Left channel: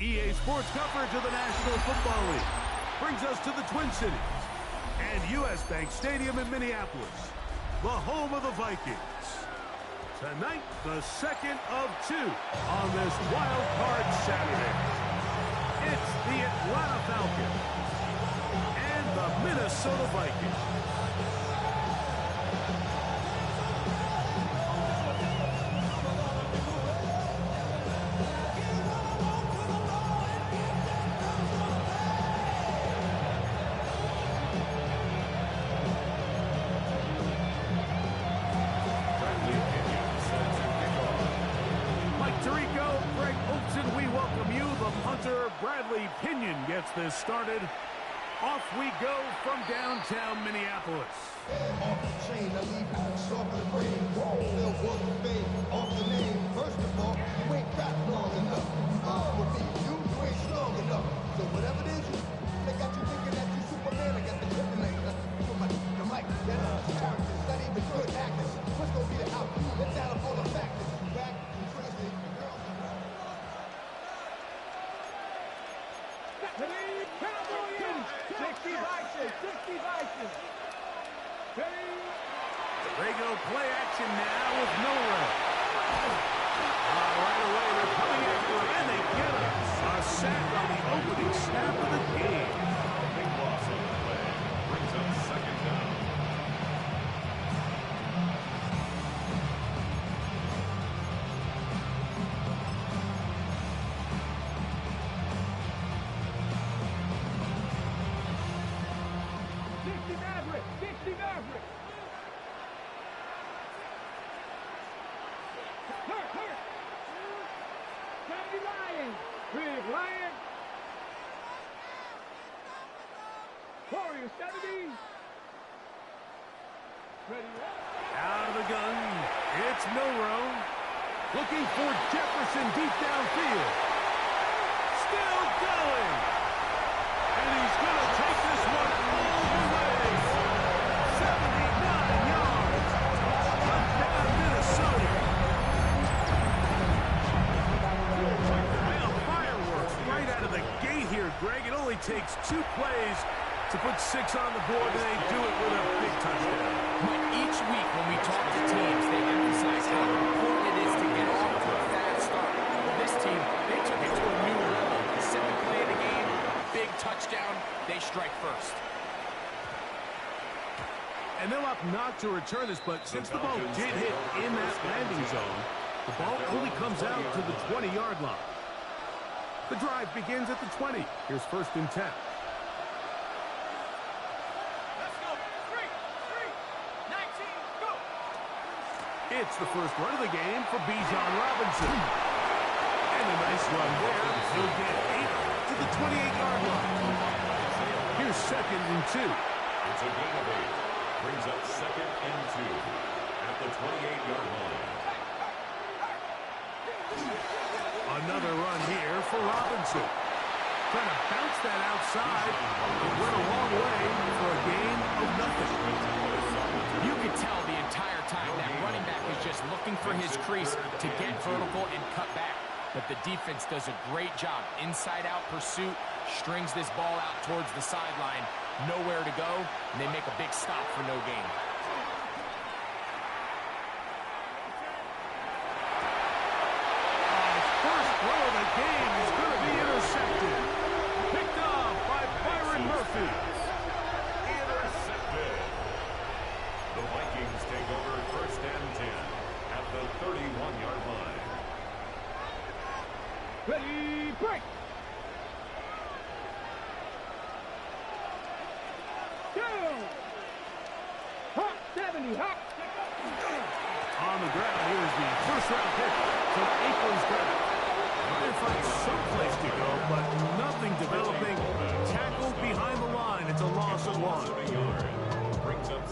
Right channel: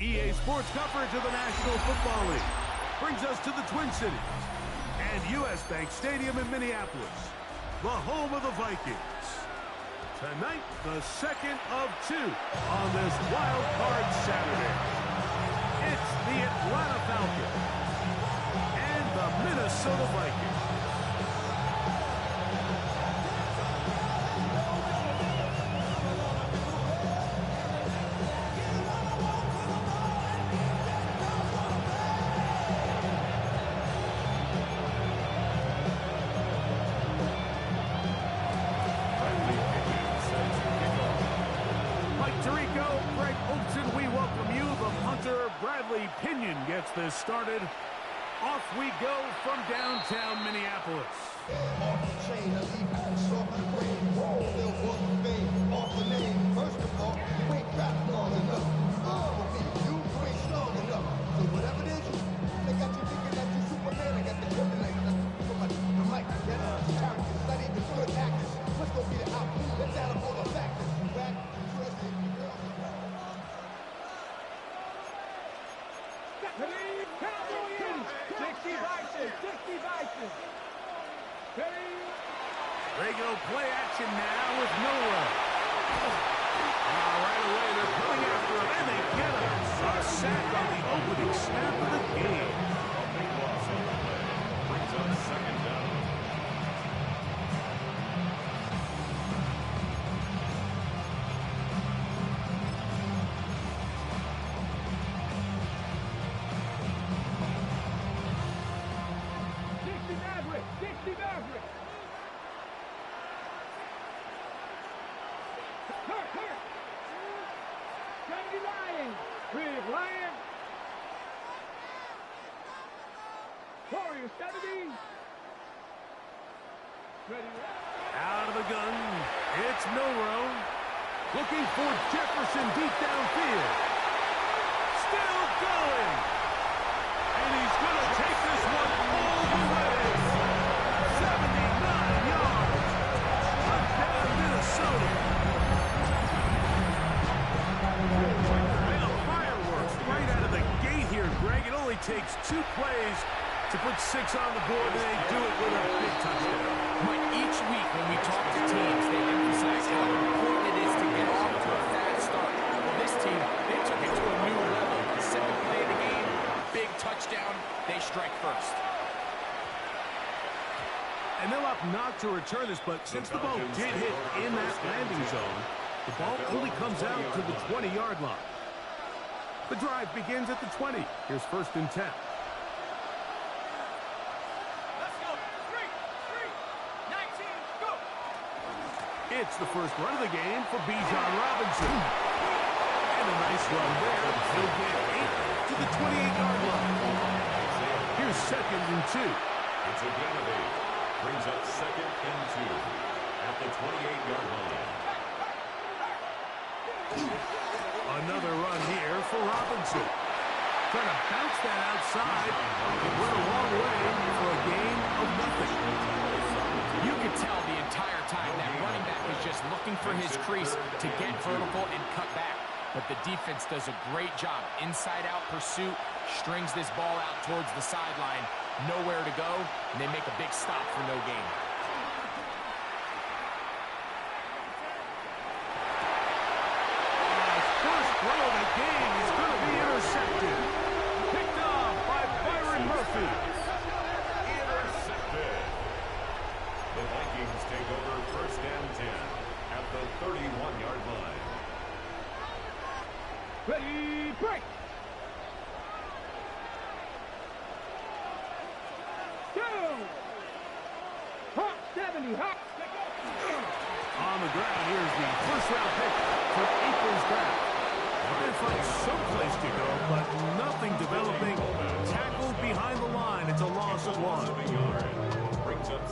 EA Sports coverage of the National Football League brings us to the Twin Cities and U.S. Bank Stadium in Minneapolis, the home of the Vikings. Tonight, the second of two on this wild card Saturday. It's the Atlanta Falcons and the Minnesota Vikings. We welcome you. The punter, Bradley Pinion, gets this started. Off we go from downtown Minneapolis. Off the chain, I leave soft in the brain. Still walk the fame, off the name. First of all, you ain't rap long enough. With me, you ain't strong enough. So whatever it is, they got you thinking that you Superman. I got the kryptonite for the mic. That's characters, not even good actors. What's gonna be the outcome? Let's add up all the factors. You back, you crazy, the girls are Regular play action now with Miller. Right away, they're coming after him, and they get him. A sack on the opening snap of the game. A big loss on the play. Brings up second down. Out of the gun, it's Milroe. Looking for Jefferson deep downfield. Still going. And he's going to take this one all the way. 79 yards. Touchdown, Minnesota. Well, fireworks right out of the gate here, Greg. It only takes 2 plays to put 6 on the board, and they do it with a big touchdown. Mike, each week when we talk to teams, they emphasize how important it is to get off to a fast start. Well, this team, they took it to a new level. The second play of the game, big touchdown, they strike first. And they'll opt not to return this, but since the ball did hit in that landing zone, the ball only comes out to the 20-yard line. The drive begins at the 20. Here's 1st and 10. It's the first run of the game for Bijan Robinson. And a nice run there. He'll get 8 to the 28-yard line. Here's 2nd and 2. It's a gain of 8. Brings up 2nd and 2 at the 28-yard line. Another run here for Robinson. Trying to bounce that outside. It went a long way for a gain of nothing. You could tell the entire time that running back is just looking for his crease to get vertical and cut back. But the defense does a great job. Inside-out pursuit, strings this ball out towards the sideline. Nowhere to go, and they make a big stop for no gain. First throw of the game is going to be intercepted. Picked off by Byron Murphy. Intercepted. The Vikings take over 1st and 10 at the 31-yard line. Ready, break. Down. Hot 70, hot. On the ground, here's the first-round pick from April's draft. Trying to find someplace to go, but nothing developing. Tackled behind the line. It's a loss of 1.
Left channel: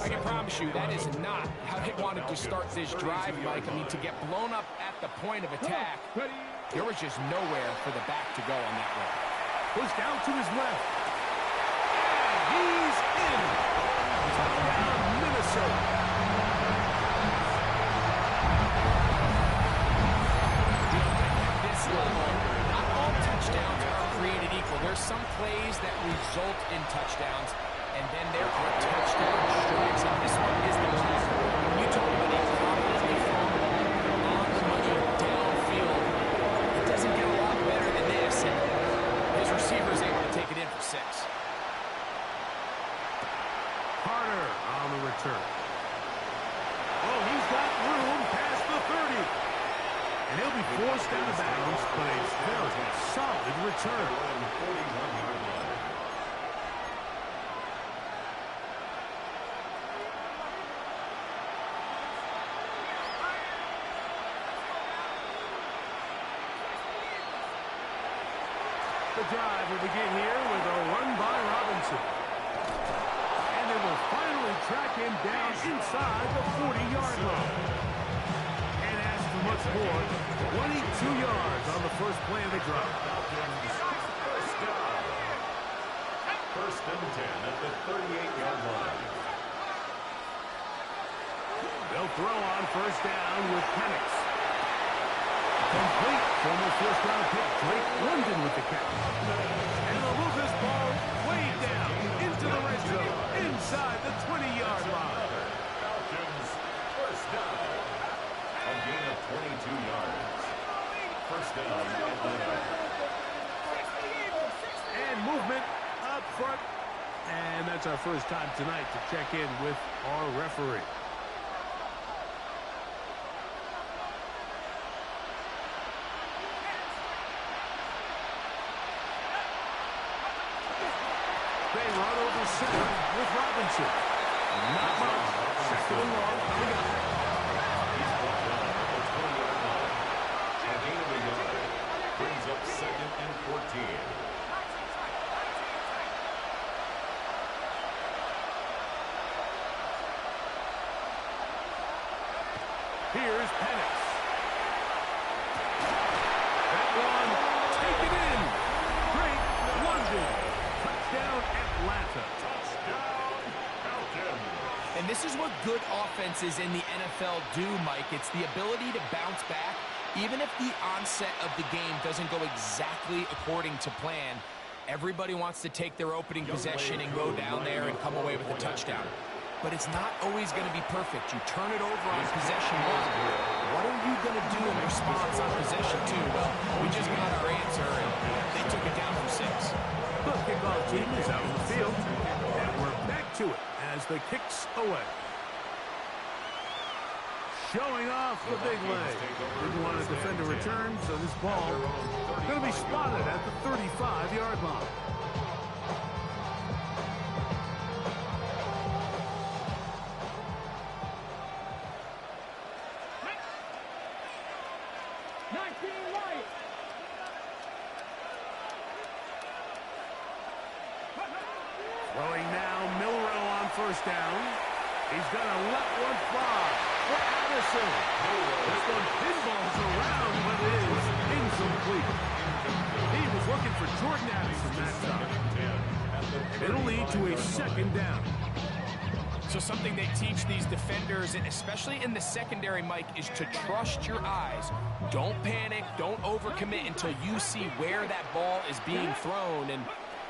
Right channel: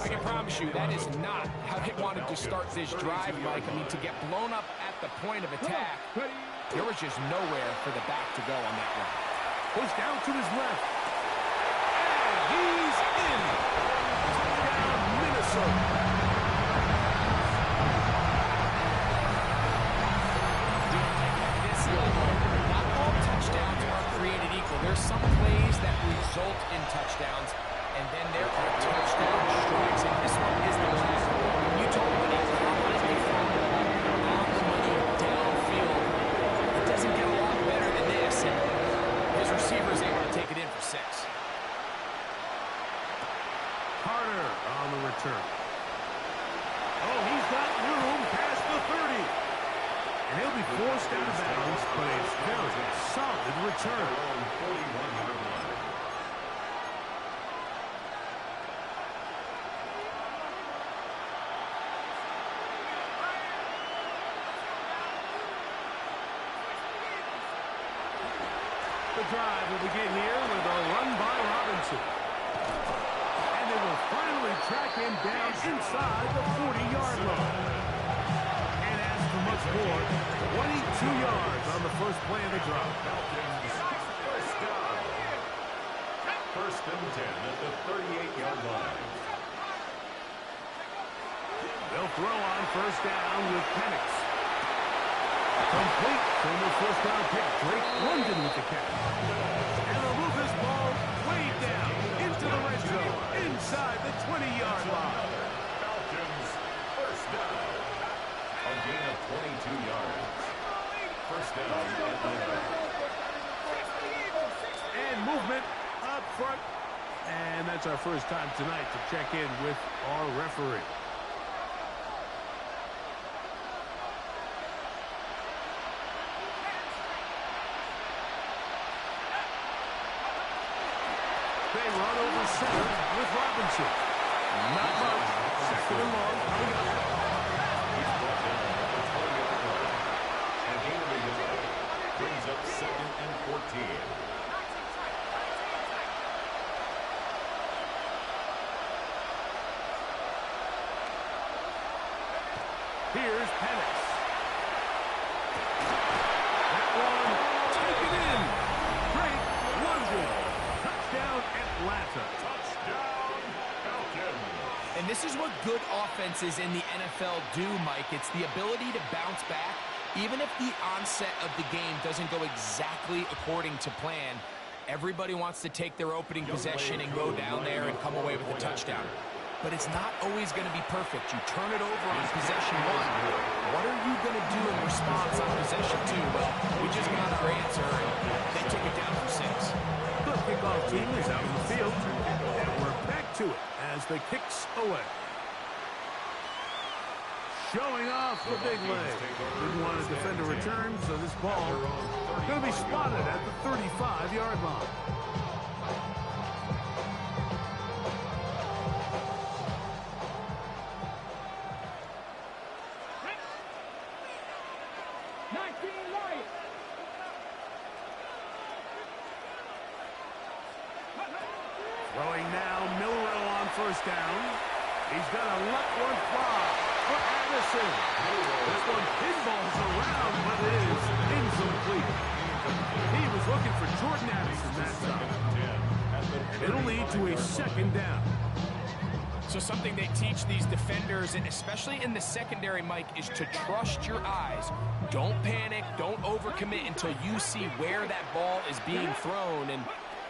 I can promise you that is not how they wanted to start this drive, Mike. I mean, to get blown up at the point of attack, there was just nowhere for the back to go on that run. Pushed down to his left. And he's in. Touchdown, Minnesota. Not all touchdowns are some plays that result in touchdowns, and then there are touchdown strikes, and this one is the last. When you talk about a confidently thrown ball on the money downfield, it doesn't get a lot better than this, and his receiver is able to take it in for 6. Carter on the return. Oh, he's got room past the 30. And he'll be forced out of bounds, but a very solid return. 41-yard line. The drive will begin here with a run by Robinson. And they will finally track him down inside the 40-yard line. Can't ask for much more. 22 yards on the first play of the drive. First down. First and 10 at the 38-yard line. They'll throw on first down with Penix. Complete. Former first-round pick Drake London with the catch. And they'll move this ball way down into the red zone, inside the 20-yard line. Falcons first down. A gain of 22 yards. First down, Atlanta. And movement up front. And that's our first time tonight to check in with our referee. They run over center with Robinson. Not much. Second and long coming up. He's brought down at the 20-yard line. A gain of a yard. Brings up second and 14. Here's Penix. That one taken in. Great London. Touchdown Atlanta. Touchdown Falcons. And this is what good offenses in the NFL do, Mike. It's the ability to bounce back, even if the onset of the game doesn't go exactly according to plan. Everybody wants to take their opening possession and go down there and come away with a touchdown. But it's not always going to be perfect. You turn it over on possession 1. What are you going to do in response on possession 2? Well, we just got our answer, and they took it down for 6. The kickoff team is out on the field, and we're back to it as the kicks away. Showing off the big leg. Didn't want to defend a return, so this ball going to be spotted at the 35-yard line. Throwing now, Milrow on first down. He's going to let one fly for Addison. This one pinballs around, but it is incomplete. He was looking for Jordan Addison that time. And it'll lead to a second down. So something they teach these defenders, and especially in the secondary, Mike, is to trust your eyes. Don't panic. Don't overcommit until you see where that ball is being thrown. And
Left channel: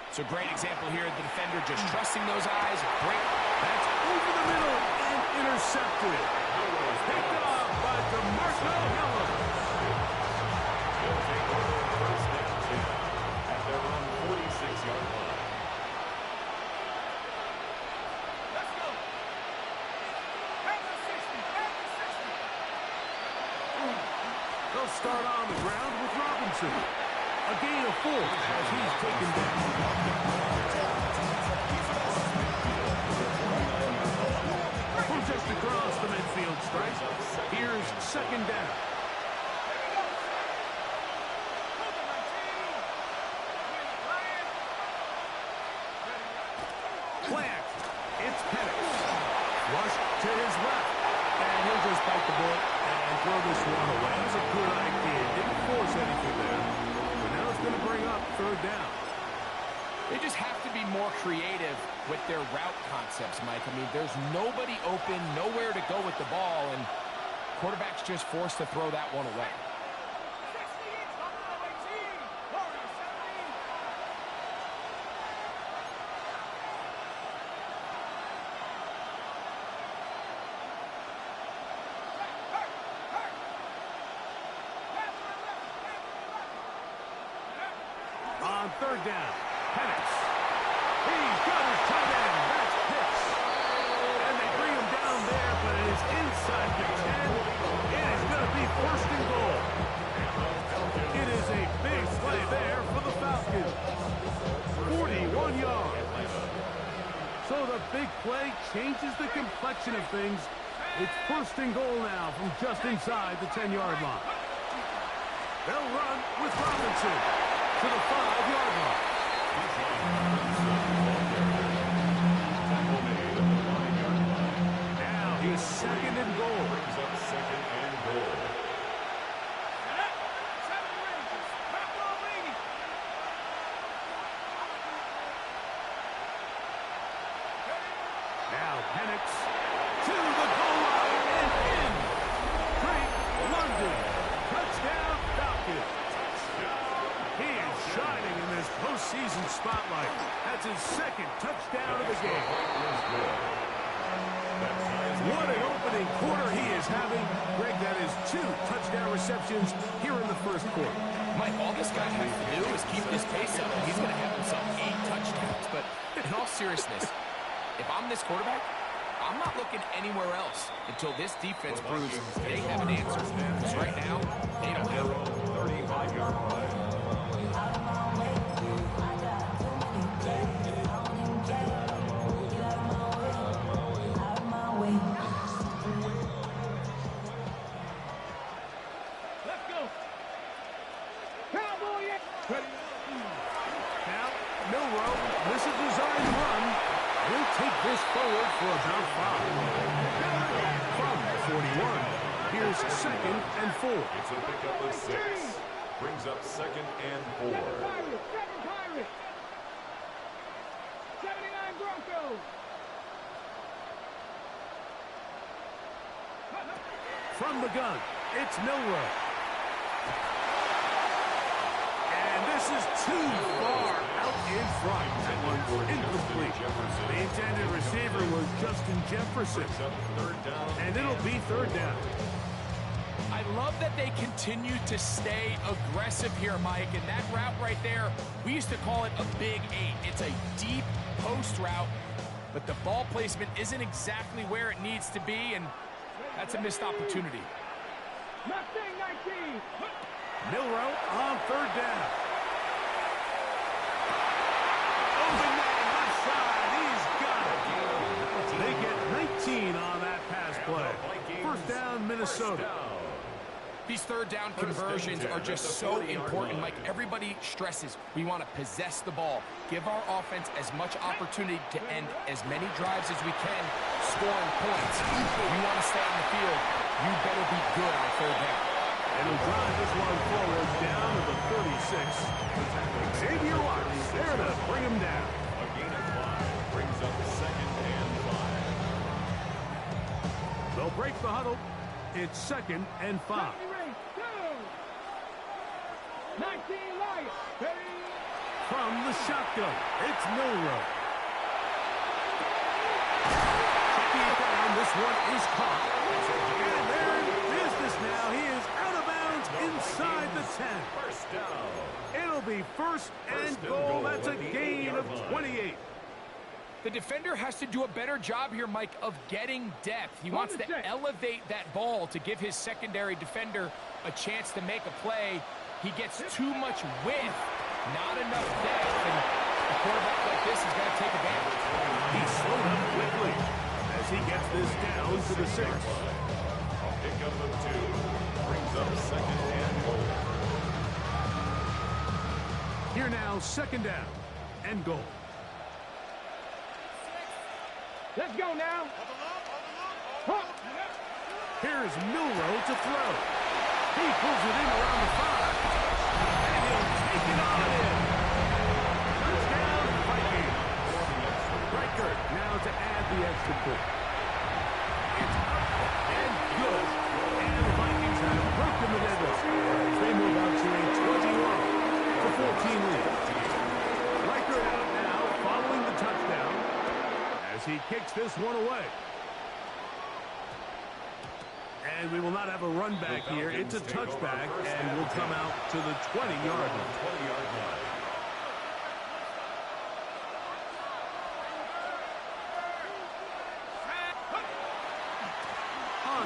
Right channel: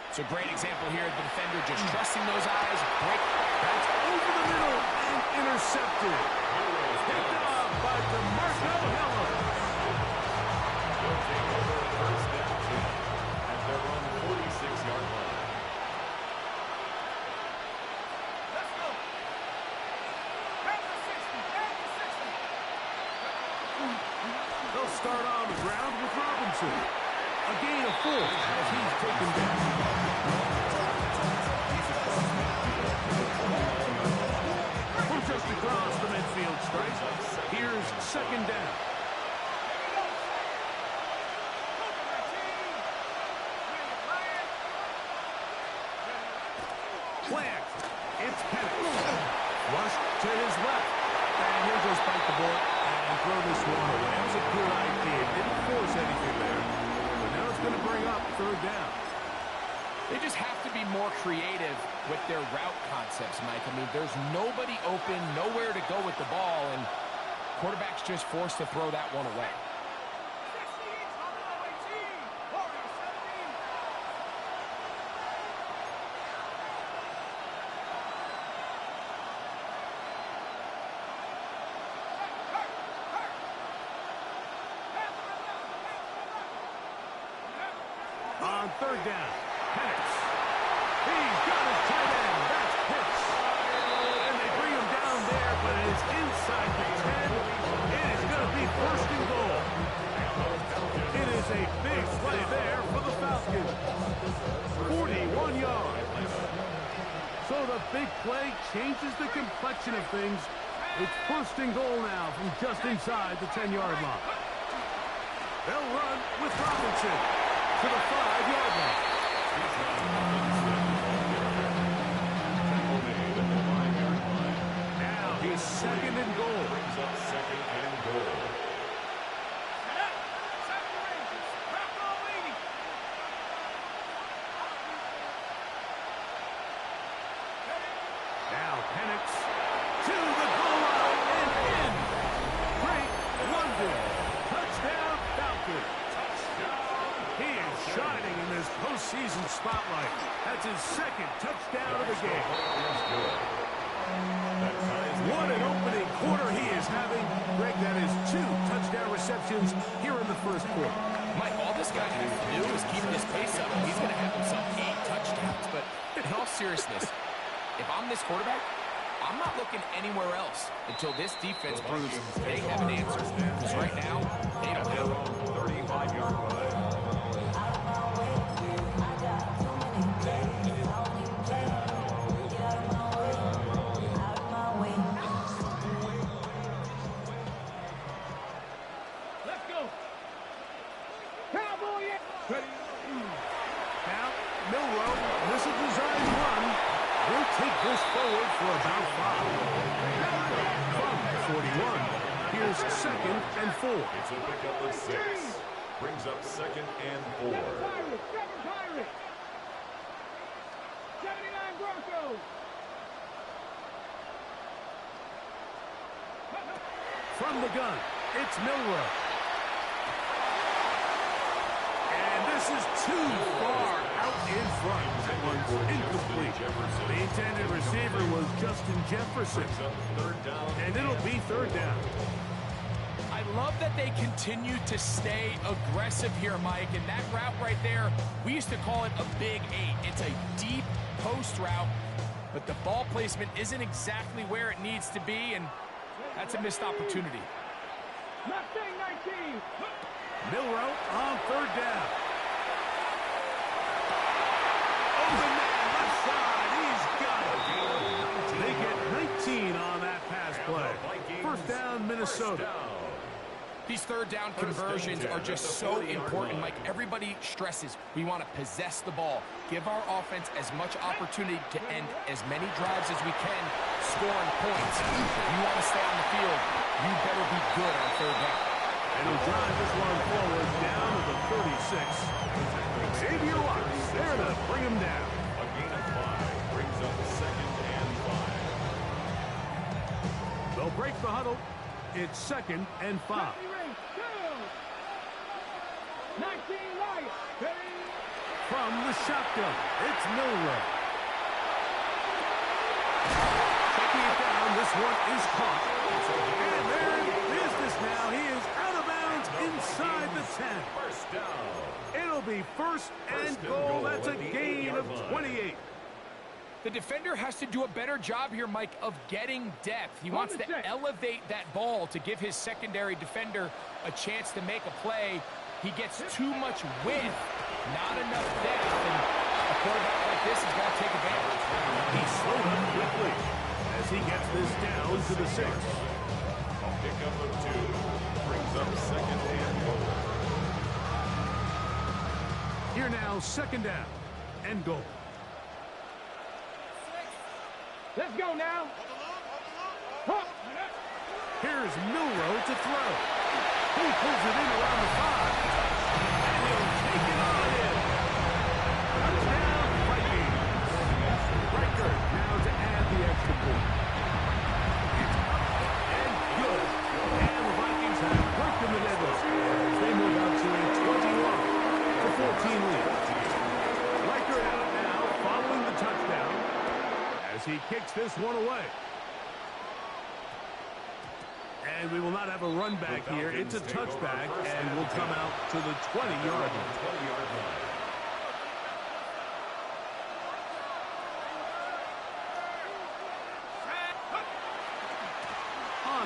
it's a great example here. The defender just trusting those eyes. Break. That's over the middle and intercepted. Picked off by DeMarco Hillel. They'll take over first and 10 at their own 46-yard line. Let's go. At the 60. They'll start on the ground with Robinson. A gain of 4 as he's taken down. From just across the midfield stripe, here's second down. Play action. It's Penix. Rushed to his left. And he'll just bite the bullet and throw this one away. That was a good idea. Didn't force anything there. But now it's going to bring up third down. They just have to be more creative with their route concepts, Mike. I mean, there's nobody open, nowhere to go with the ball, and quarterback's just forced to throw that one away. on third down. Penix. He's got his tight end. That's Pitts. And they bring him down there, but it is inside the 10. It is going to be first and goal. It is a big play there for the Falcons. 41 yards. So the big play changes the complexion of things. It's first and goal now from just inside the 10-yard line. They'll run with Robinson to the 5-yard line. Now he's second and goal. Brings up second and goal. Now Penix to the goal line and in. Drake London. Touchdown Falcons. He is shining in this postseason spotlight. That's his second touchdown of the game. What an opening quarter he is having. Greg, that is 2 touchdown receptions here in the first quarter. Mike, all this guy has to do is keep his pace up, and he's going to have himself 8 touchdowns. But in all seriousness, if I'm this quarterback, I'm not looking anywhere else until this defense proves they have an answer. Because right now, they don't have it. 35-yard line. Let's go. Cowboy. Now, Milroe, this is a design run. He'll take this forward for about 5. From the 41, here's second and 4. It's a pickup of 6. Brings up second and 4. Seven Pirates. 79 Broncos. From the gun, it's Milroe. And this is too far out in front. That one's incomplete. The intended receiver was Justin Jefferson. And it'll be third down. I love that they continue to stay aggressive here, Mike. And that route right there, we used to call it a big 8. It's a deep post route, but the ball placement isn't exactly where it needs to be, and that's a missed opportunity. Mustang 19. Milroe on third down. Open man left side. He's got it. They get 19 on that pass play. First down, Minnesota. These third down conversions are just so important, Mike. Everybody stresses we want to possess the ball, give our offense as much opportunity to end as many drives as we can, scoring points. If you want to stay on the field, you better be good on third down. And he'll drive this one forward down to the 36. Xavier Watts there to bring him down. A gain of 5 brings up second and 5. They'll break the huddle. It's second and 5. 19 Lions. From the shotgun, it's Milroe. Checking it down, this one is caught. And they're in business now. He is out of bounds inside the 10. First down. It'll be first and goal. That's a gain of 28. The defender has to do a better job here, Mike, of getting depth. He wants to elevate that ball to give his secondary defender a chance to make a play. He gets too much width, not enough depth, and a quarterback like this has got to take advantage. He slowed up quickly as he gets this down to the 6. A pickup of 2 brings up second and goal. Here now, second down and goal. Let's go now. Here's Milroe to throw. He pulls it in around the 5. And he'll take it on in. Touchdown, Vikings. Riker now to add the extra point. It's up and good. And the Vikings have broken the deadlock as they move out to a 21-14 lead. Riker out now following the touchdown as he kicks this one away. And we will not have a run back here. It's a touchback, and we'll come out to the 20-yard line.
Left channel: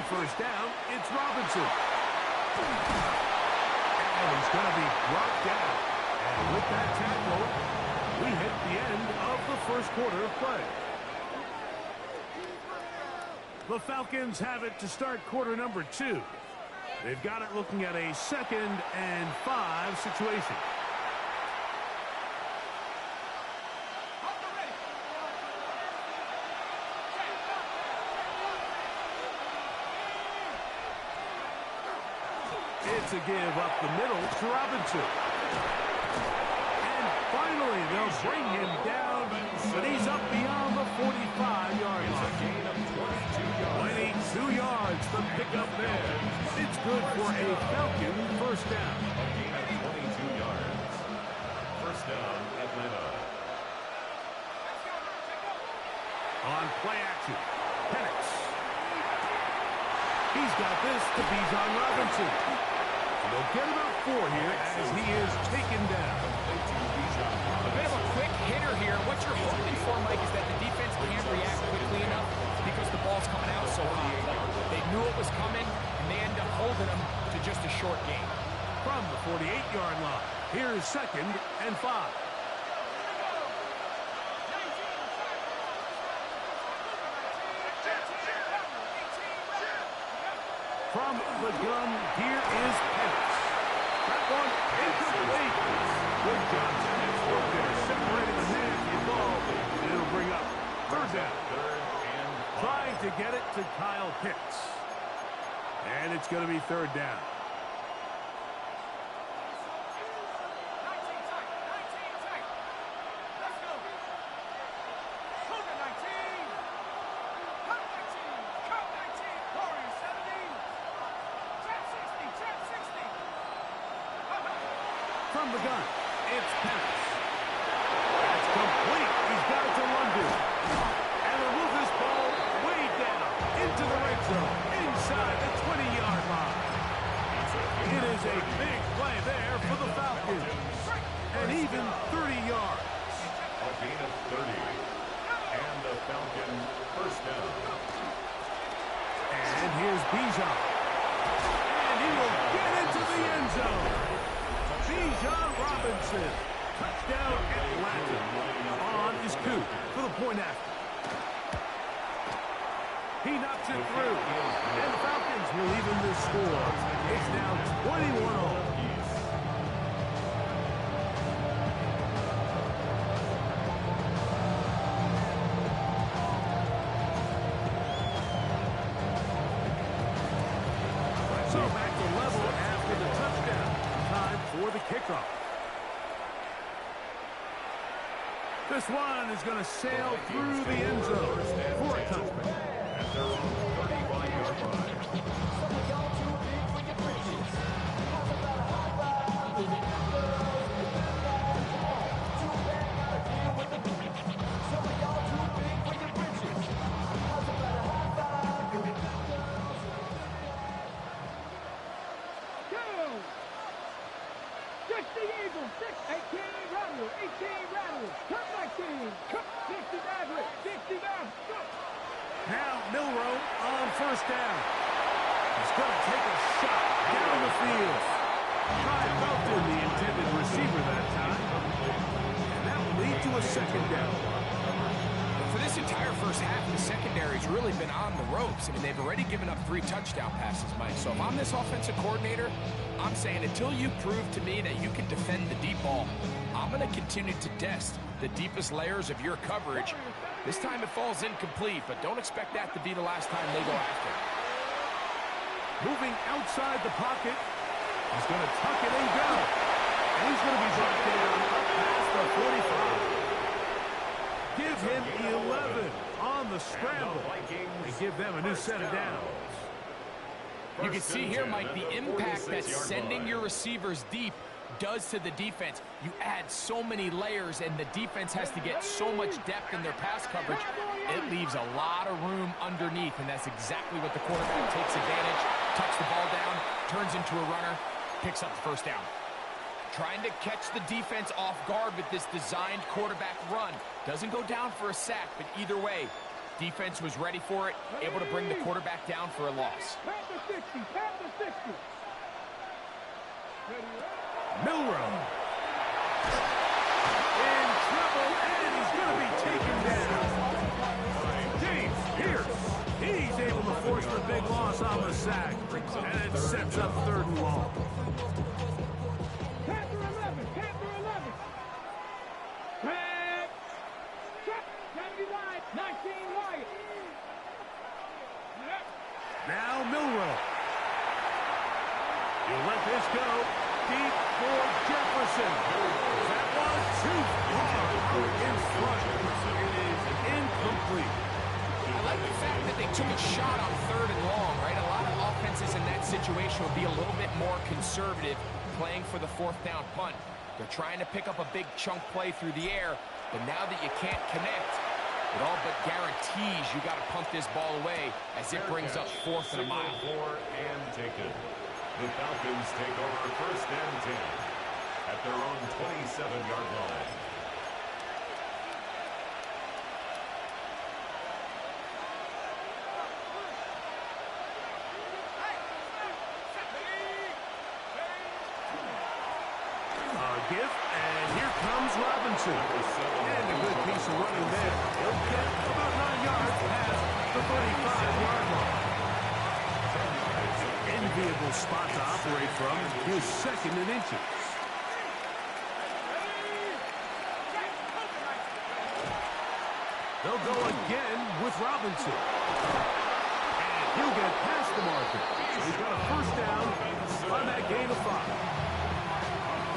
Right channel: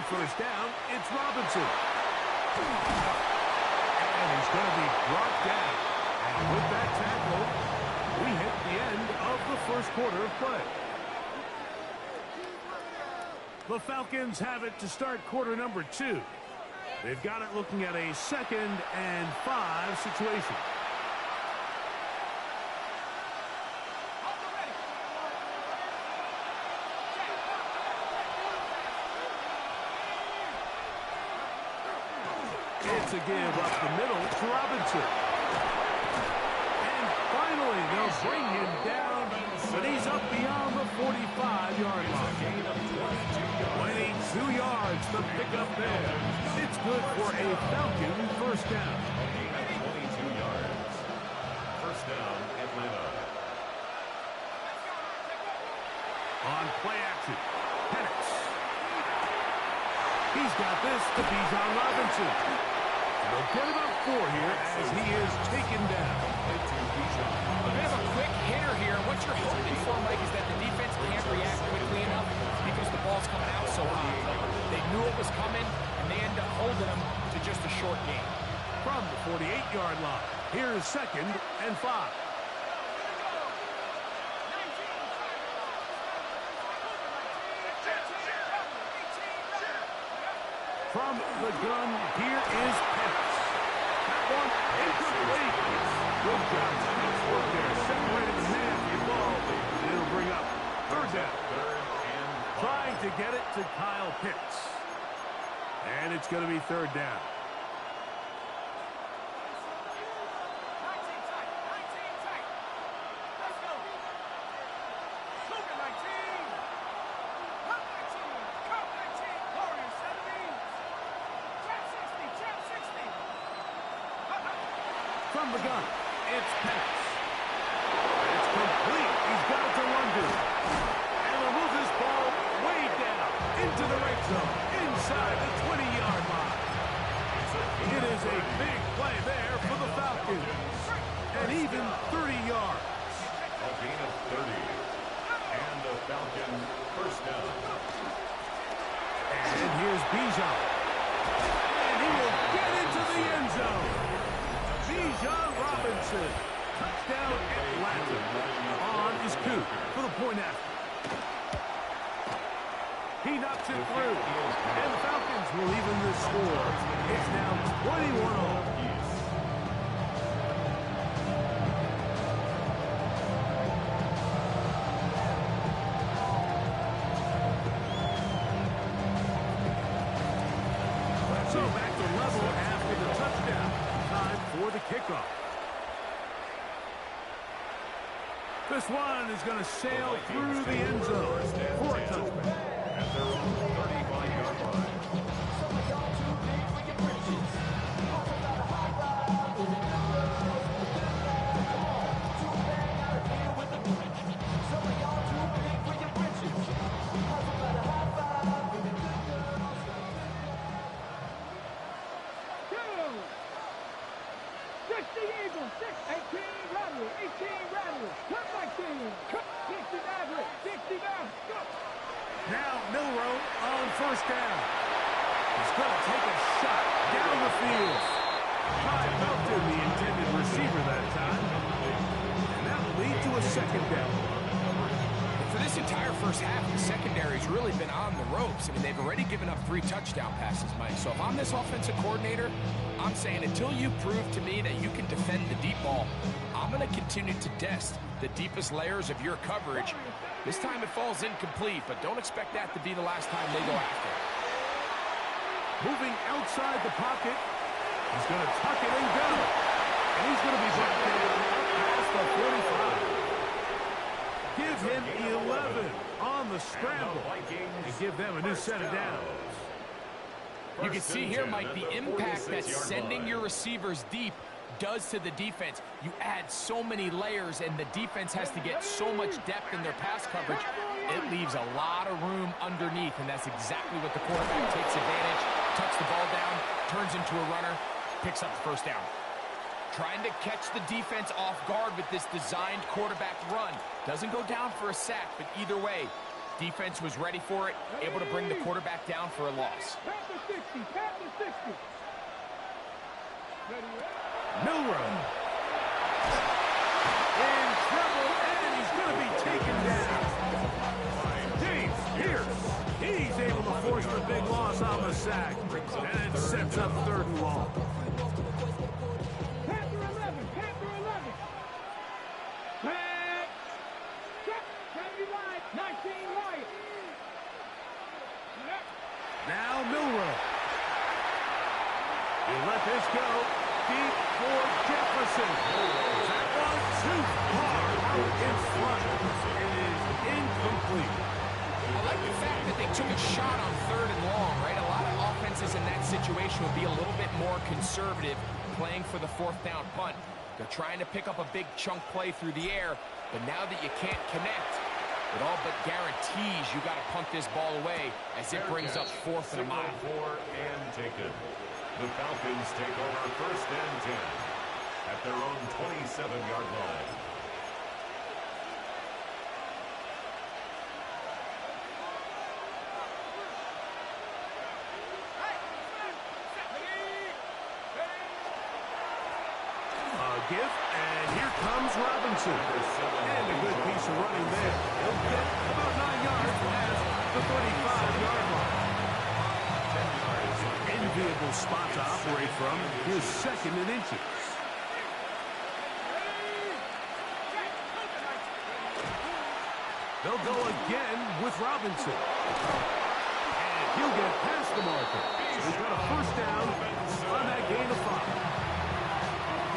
On first down, it's Robinson. And he's going to be brought down. And with that tackle, we hit the end of the first quarter of play. The Falcons have it to start quarter number 2. They've got it looking at a 2nd and 5 situation. It's a give up the middle to Robinson. And finally, they'll bring him down, but he's up beyond the 45-yard line. 22 yards, the pickup there. It's good for a Falcon first down. A gain of 22 yards. First down, Atlanta. On play action, Penix. He's got this to Bijan Robinson. And they'll get about 4 here as he is taken down. A bit of a quick hitter here. What you're hoping for, Mike, is that the defense can't react quickly enough because the ball's coming out so high. They knew it was coming, and they end up holding them to just a short gain. From the 48-yard line, here's 2nd and 5. From the gun, here is Penix. That one incomplete. Good job, Penix. Work there, separated the man from the ball. And it'll bring up 3rd down. Trying to get it to Kyle Pitts. And it's going to be 3rd down. From the gun, it's Penix. That's complete. He's got it to London. And they'll move this ball way down into the red zone, inside the 20-yard line. It is a big play there for the Falcons. And even 30 yards. A gain of 30. And the Falcon first down. And here's Bijan. And he will get into the end zone. Bijan Robinson. Touchdown Atlanta. On is Coop for the point after. He knocks it through. And the Falcons will even this score. It's now 21-all. So back to level after the touchdown. Time for the kickoff. This one is going to sail through the end zone for a touchback. At their own 35-yard line. Some of y'all too big for your britches. How's about a hot ride with the good girls and the good guys? Come on, too bad gotta deal with the Some of y'all too big for your britches. How's about a hot ride with the good girls and the good guys? 60 Eagles, 18 Rattlers, 18 Rattlers, cut my team, cut 60 Mavericks, 60 Mavericks, go! Now Milroe on first down. He's going to take a shot down the field. Tried Melton, the intended receiver that time. And that will lead to a 2nd down. For this entire first half, the secondary's really been on the ropes. I mean, they've already given up 3 touchdown passes, Mike. So if I'm this offensive coordinator, I'm saying until you prove to me that you can defend the deep ball, I'm going to continue to test the deepest layers of your coverage. This time it falls incomplete, but don't expect that to be the last time they go after it. Moving outside the pocket. He's going to tuck it and go. And he's going to be brought down up past the 45. Give him 11 on the scramble. And give them a new set of downs. You can see here, Mike, the impact that sending your receivers deep does to the defense. You add so many layers, and the defense has to get so much depth in their pass coverage. It leaves a lot of room underneath, and that's exactly what the quarterback takes advantage. Tucks the ball down, turns into a runner, picks up the first down. Trying to catch the defense off guard with this designed quarterback run. Doesn't go down for a sack, but either way, Defense was ready for it, able to bring the quarterback down for a loss. Pat the 60, pat the 60. Ready, Milrow. In trouble, and he's going to be taken down. James Pierce. He's able to force the big loss on the sack. And it sets up 3rd and long. Panther 11, Panther 11. Pat. Check, 70 line, 19 Wyatt. Now Milrow. You let this go. Deep for Jefferson. That was too far out in front. It is incomplete. I like the fact that they took a shot on 3rd and long, right? A lot of offenses in that situation would be a little bit more conservative playing for the 4th down punt. They're trying to pick up a big chunk play through the air, but now that you can't connect, it all but guarantees you got to punt this ball away as it brings up 4th and a mile. And taken. The Falcons take over 1st and 10 at their own 27-yard line. Give, and here comes Robinson. And a good piece of running there. He'll get about 9 yards past the 35-yard line. 10 yards. Enviable spot to operate from. Here's 2nd and inches. They'll go again with Robinson. And he'll get past the marker. So he's got a 1st down on that gain of 5.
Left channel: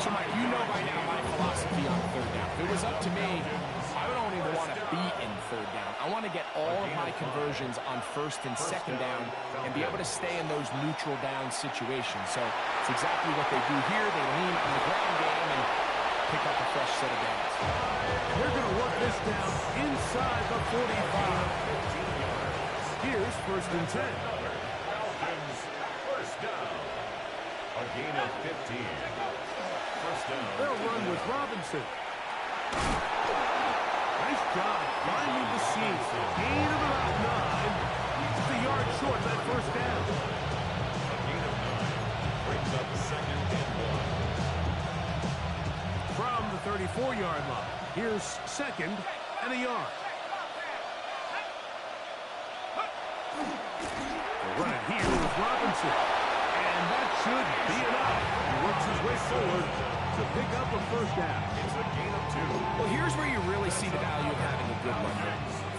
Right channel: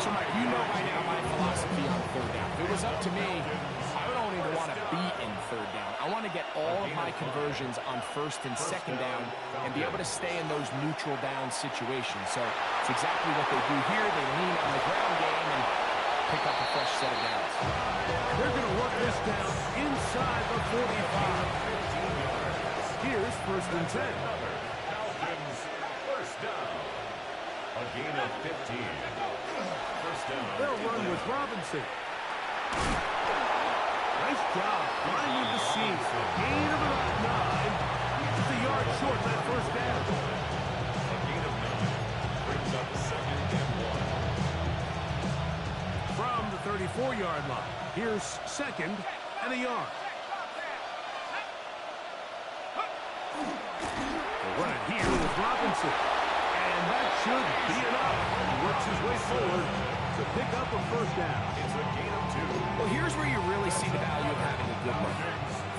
So, Mike, you know by now my philosophy on 3rd down. If it was up to me, I don't even want to be in 3rd down. I want to get all of my conversions on 1st and 2nd down and be able to stay in those neutral down situations. So it's exactly what they do here. They lean on the ground game and pick up a fresh set of downs. And they're going to work this down inside the 45. Here's 1st and 10. Falcons 1st down. A gain of 15. 1st down. They'll run with Robinson. Nice job finding the seam. Gain of about 9. Just a yard short of that 1st down. A gain of 9 brings up 2nd and 1. From the 34-yard line, here's 2nd and a yard. They'll run it here with Robinson. And that should be enough. He works his way forward to pick up a 1st down. It's a gain of 2. Well, here's where you really see the value of having a good run.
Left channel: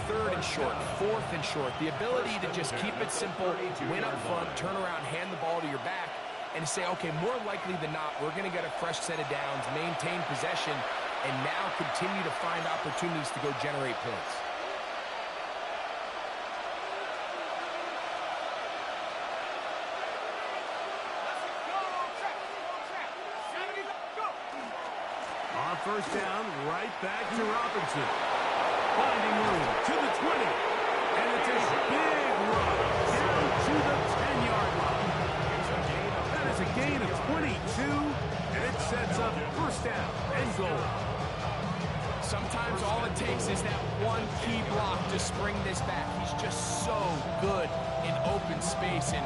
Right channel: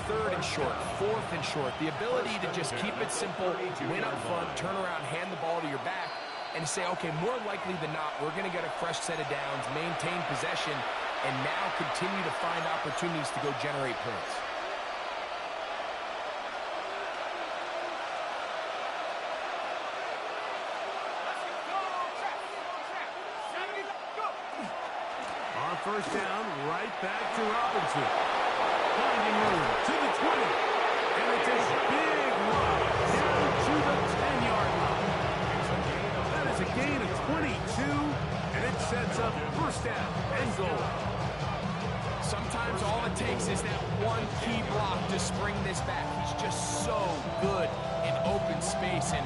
3rd and short, 4th and short. The ability to just keep it simple, win up front, turn around, hand the ball to your back, and say, okay, more likely than not, we're going to get a fresh set of downs, maintain possession, and now continue to find opportunities to go generate points. On 1st down, right back to Robinson. Finding room to the 20. And it's a big run down to the 10-yard line. That is a gain of 22, and it sets up 1st down and goal. Sometimes all it takes is that one key block to spring this back. He's just so good in open space, and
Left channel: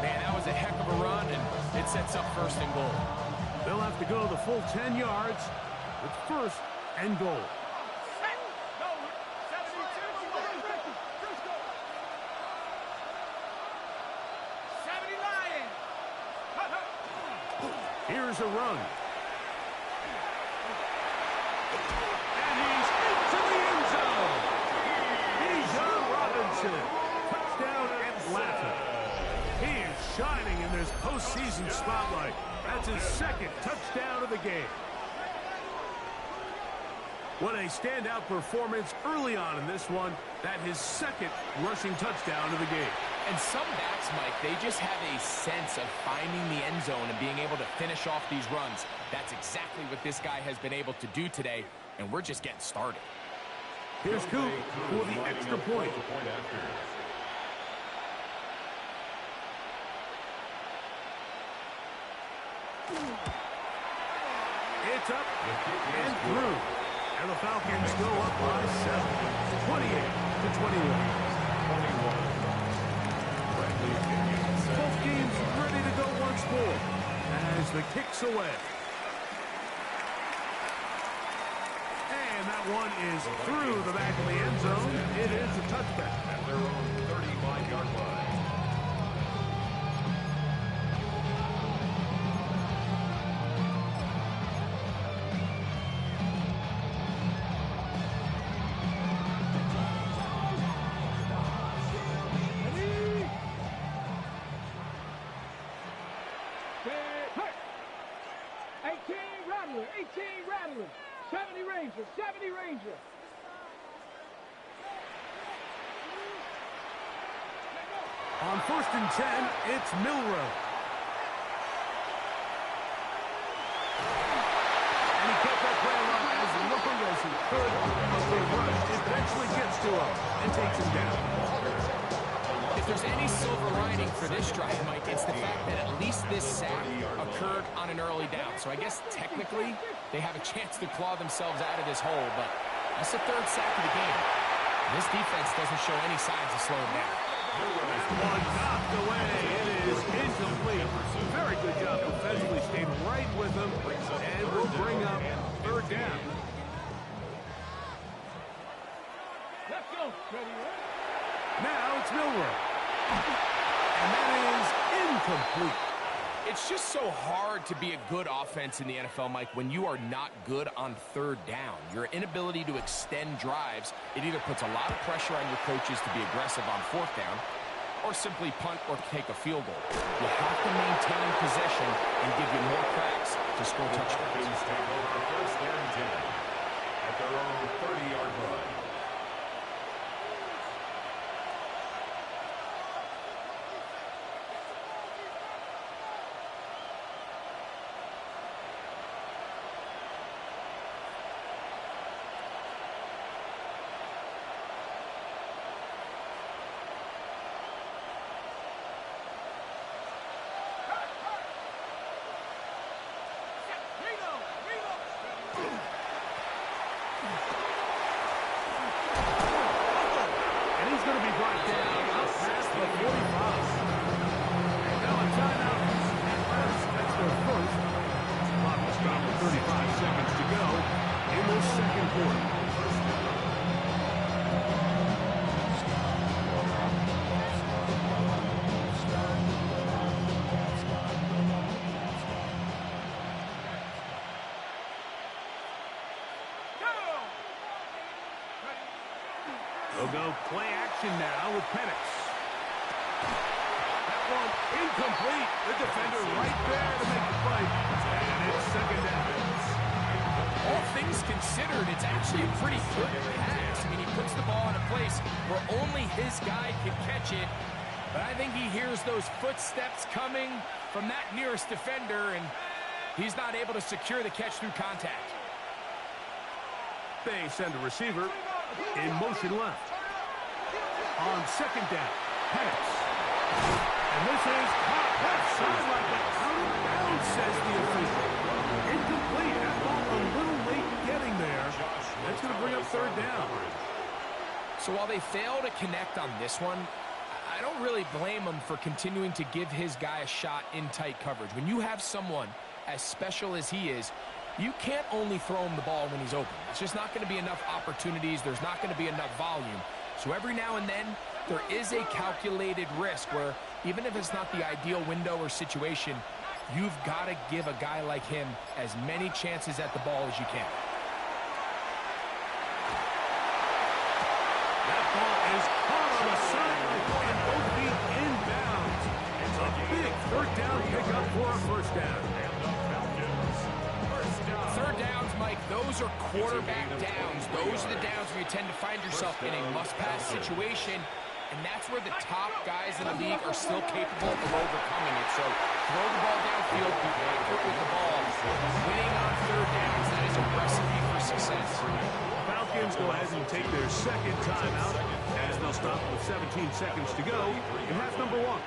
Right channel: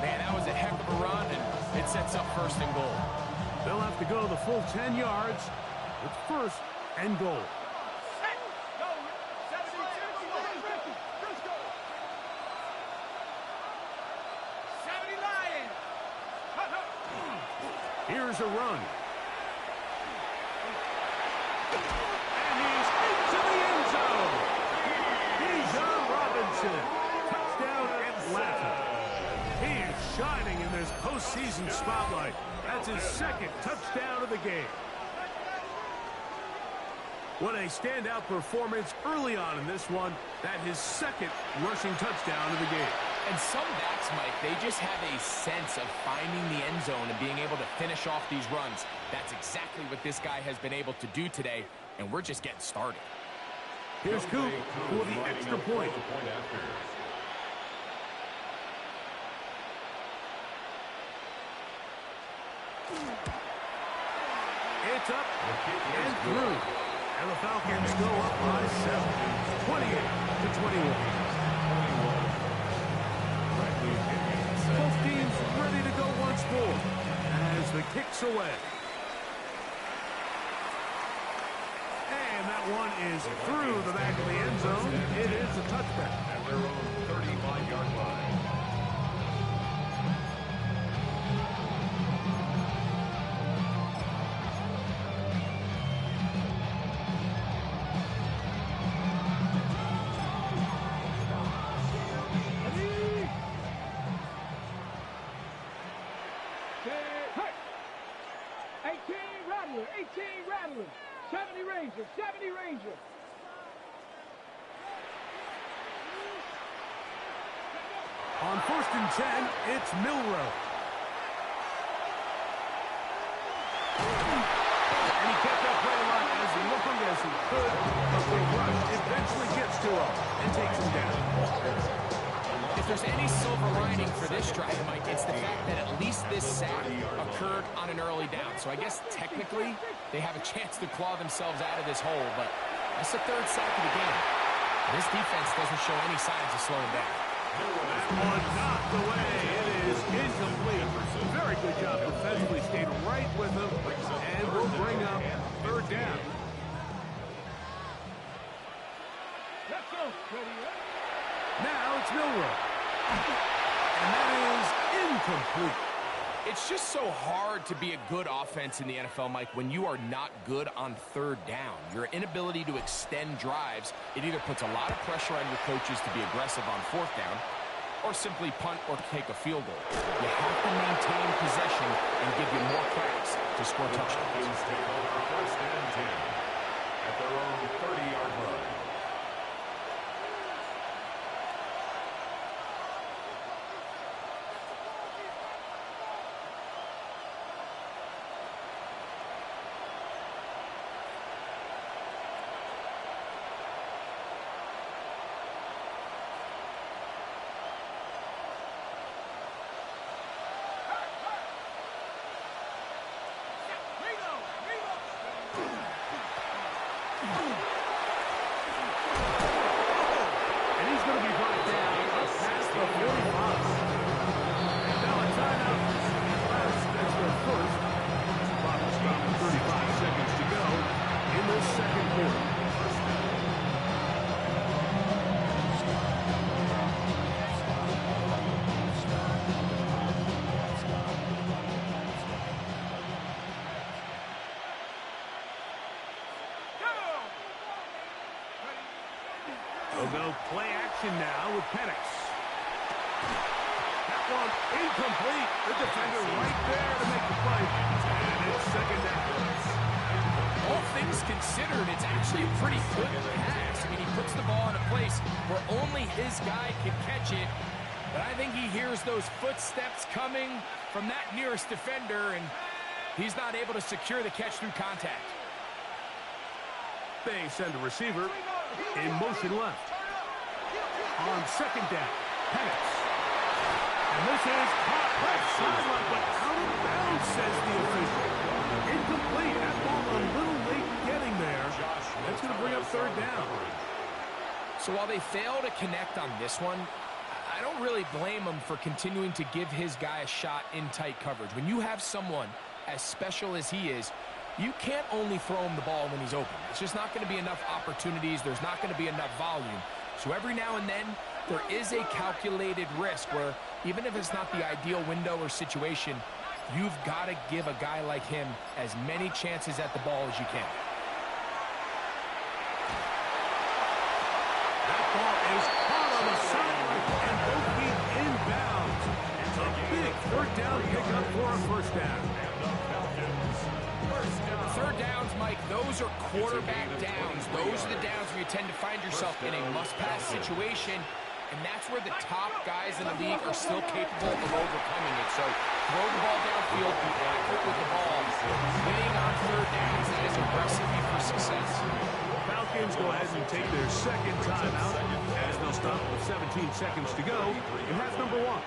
man, that was a heck of a run, and it sets up 1st and goal. They'll have to go the full 10 yards with 1st and goal. Here's a run. And he's into the end zone. Bijan Robinson. Touchdown Atlanta. He is shining in this postseason spotlight. That's his 2nd touchdown of the game. What a standout performance early on in this one. That his 2nd rushing touchdown of the game. And some backs, Mike, they just have a sense of finding the end zone and being able to finish off these runs. That's exactly what this guy has been able to do today, and we're just getting started. Here's Coop for the extra point. It's up and through. And the Falcons go up by 7. 28 to 21. 21. Bradley kicking set. Both teams ready to go once more as the kick's away. And that one is through the back of the end zone. It is a touchback. At their own 35-yard line. Hey! 18 Rattler, 18 Rattler, 70 Ranger, 70 Ranger. On 1st and 10, it's Milrow. And he kept that play alive as long as he could, but the rush eventually gets to him and takes him down. If there's any silver lining for this drive, Mike, it's the fact that at least this sack occurred on an early down. So I guess technically they have a chance to claw themselves out of this hole, but that's the 3rd sack of the game. This defense doesn't show any signs of slowing down. That one knocked away. It is incomplete. Very good job defensively. Stayed right with him and will bring up 3rd down. Let's go. Ready, Now it's Milrow. And that is incomplete. It's just so hard to be a good offense in the NFL, Mike, when you are not good on 3rd down. Your inability to extend drives, it either puts a lot of pressure on your coaches to be aggressive on 4th down or simply punt or take a field goal. You have to maintain possession and give you more cracks to score touchdowns. Falcons take over 1st and 10 at their own 30-yard line. And he's going to be brought down up past the 45. And now a timeout. That's their first. Clock will stop with 35 seconds to go in the 2nd quarter. They'll go play action now with Penix. That one incomplete. The defender right there to make the play. And it's 2nd down. All things considered, it's actually a pretty good pass. I mean, he puts the ball in a place where only his guy can catch it. But I think he hears those footsteps coming from that nearest defender, and he's not able to secure the catch through contact. They send a receiver in motion left. On 2nd down, Penix. And this is caught left sideline, but out of bounds, says the official. Incomplete. That ball a little late getting there. That's going to bring up 3rd down. So while they fail to connect on this one, I don't really blame him for continuing to give his guy a shot in tight coverage. When you have someone as special as he is, you can't only throw him the ball when he's open. It's just not going to be enough opportunities. There's not going to be enough volume. So every now and then, there is a calculated risk where even if it's not the ideal window or situation, you've got to give a guy like him as many chances at the ball as you can. That ball is caught on the sideline and both feet inbounds. It's a big 3rd down pickup for a 1st down. And the Falcons, 1st down. 3rd downs, Mike, those are quarterback downs. Those are the downs where you tend to find yourself in a must-pass situation, and that's where the top guys in the league are still capable of overcoming it. So throw the ball downfield, be accurate with the ball. Winning on 3rd downs, that is a recipe for success. Falcons go ahead and take their 2nd timeout as they'll stop with 17 seconds to go in half number 1.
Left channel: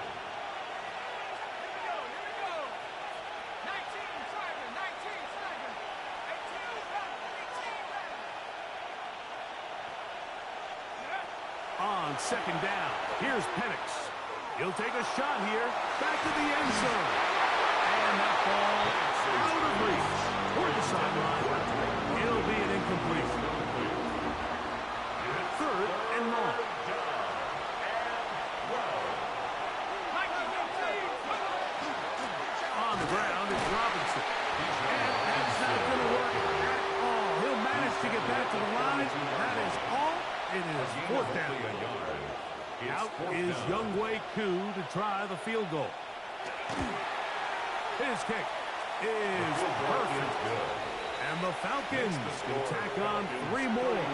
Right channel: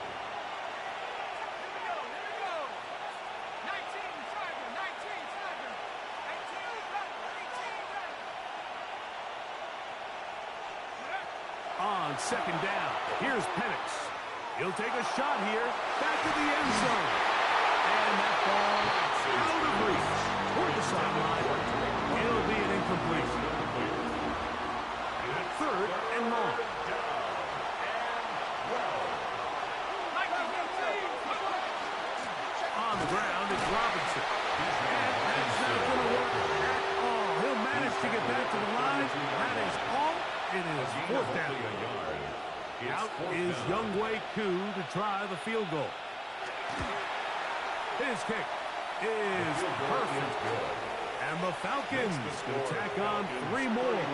on second down. Here's Penix. He'll take a shot here. Back to the end zone. And that ball out of reach. Toward the sideline. It'll be an incompletion. Third and long. On the ground is Robinson. And that's not going to work at all. He'll manage to get back to the line. That is all. It is fourth down. Out is Younghoe Koo to try the field goal. His kick is perfect. And the Falcons can tack on 3 more,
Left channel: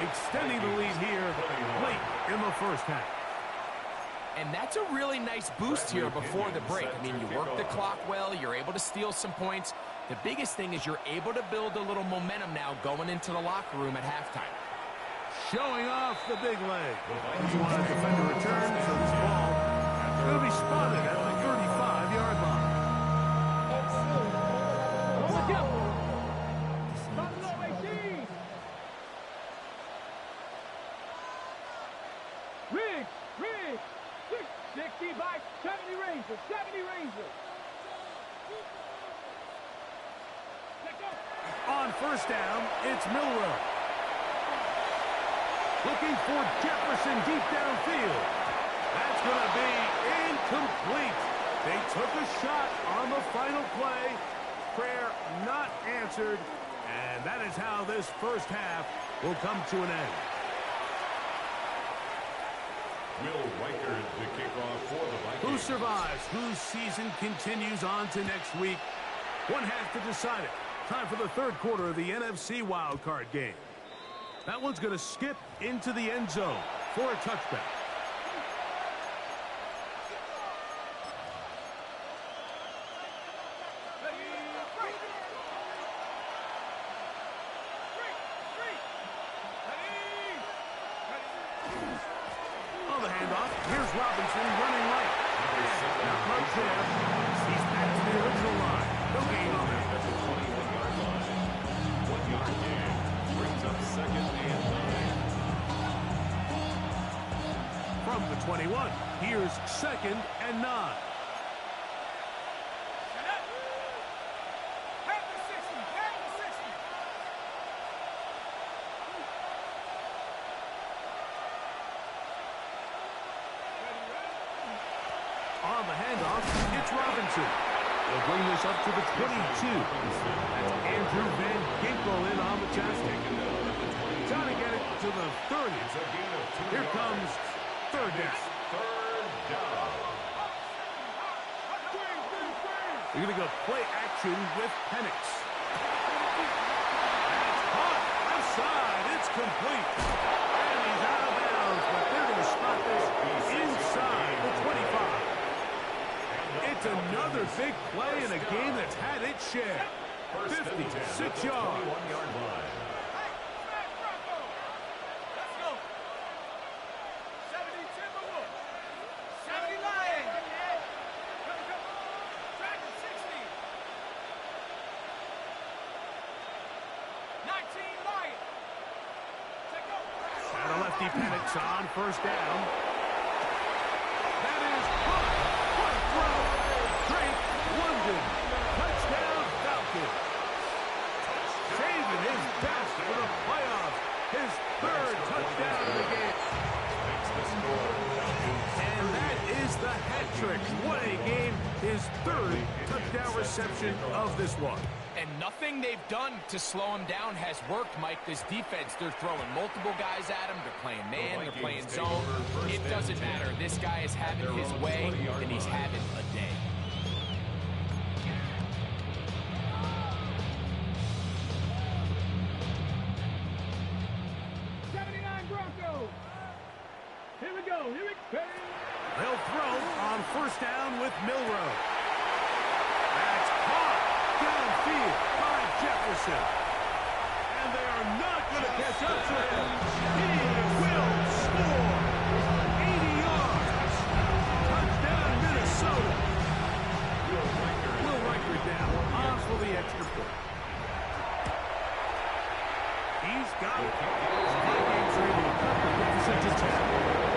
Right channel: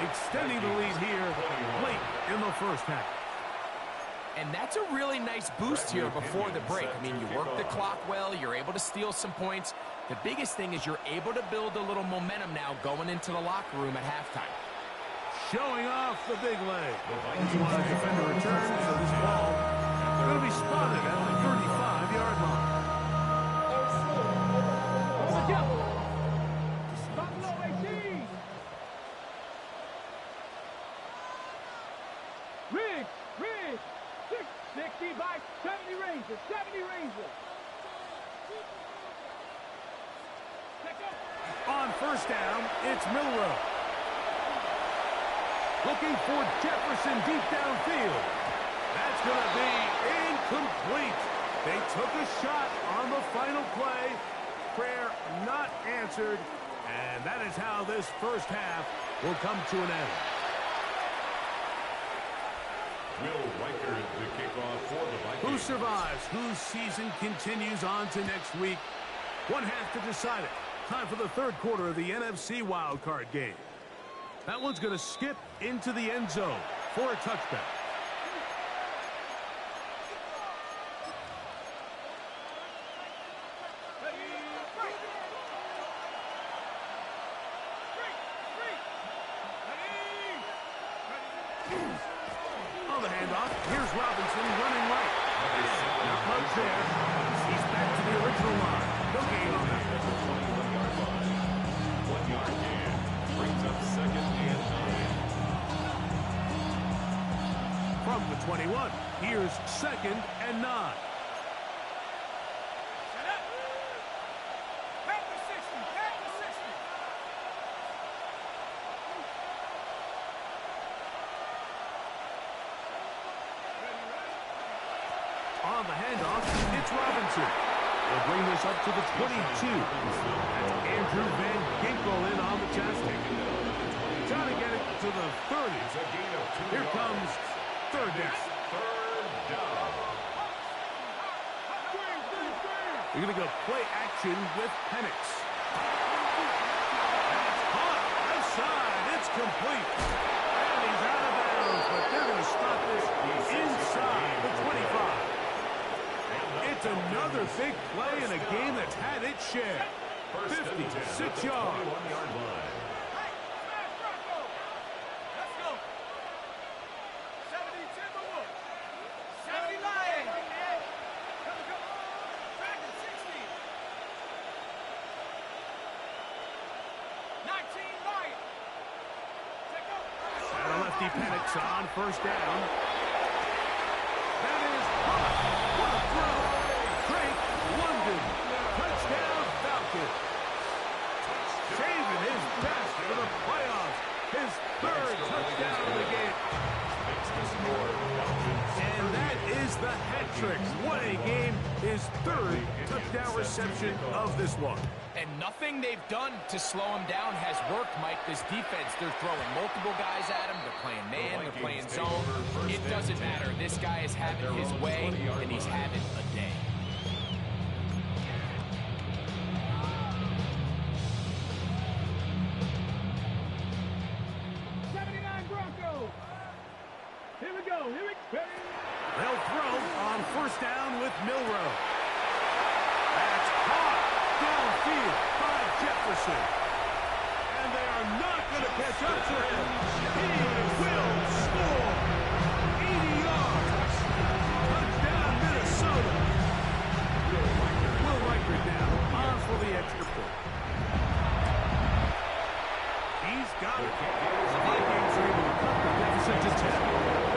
extending the lead here late in the first half. And that's a really nice boost here before the break. I mean, you work the clock well, you're able to steal some points. The biggest thing is you're able to build a little momentum now going into the locker room at halftime. Showing off the big leg. You want a defender return, so this ball is going to be spotted at the 35-yard line. Watch out. Buffalo 18. Riggs. 65, 70 Rangers. 70 Rangers. On first down, it's Milroe. Looking for Jefferson deep downfield. That's going to be incomplete. They took a shot on the final play. Prayer not answered. And that is how this first half will come to an end. Will Reichard the kickoff for the Vikings. Who survives? Whose season continues on to next week? One half to decide it. Time for the third quarter of the NFC wildcard game. That one's going to skip into the end zone for a touchback. On the handoff, here's Robinson running right. Not much there. He's back to the original line. No gain on that. At the 21-yard line. 1 yard gain. Brings up second and 9. From the 21, here's second and 9. On the handoff, it's Robinson. He'll bring this up to the 22. That's Andrew Van Ginkel in on the tackle. Trying to get it to the 30. Here comes third down. They're going to go play action with Penix. That's caught. Left side. It's complete. And he's out of bounds, but they're going to stop this inside the 25. It's another big play in a game that's had its share. 56 yards. 21-yard line. Let's go. 70 Timberwolves. 70 Lions. Come. Dragon 60. 19 Lions. Take go. And a lefty Penix on first down. That is caught. What a throw. Drake London. Touchdown Falcons. Saving his best for the playoffs. His third touchdown of the game. Makes the score. And that is the hat trick. What a game. His third touchdown reception of this one. And nothing they've done to slow him down has worked, Mike. This defense, they're throwing multiple guys at him. They're playing man, they're playing zone. It doesn't matter. This guy is having his way, and he's having a day. Here we go. They'll throw on first down with Milroe. That's caught downfield by Jefferson. And they are not going to catch up to him. He will score. 80 yards. Touchdown, Minnesota. Will Reichard now on for the extra point. He's got it. The Vikings are able to cut the deficit to 10.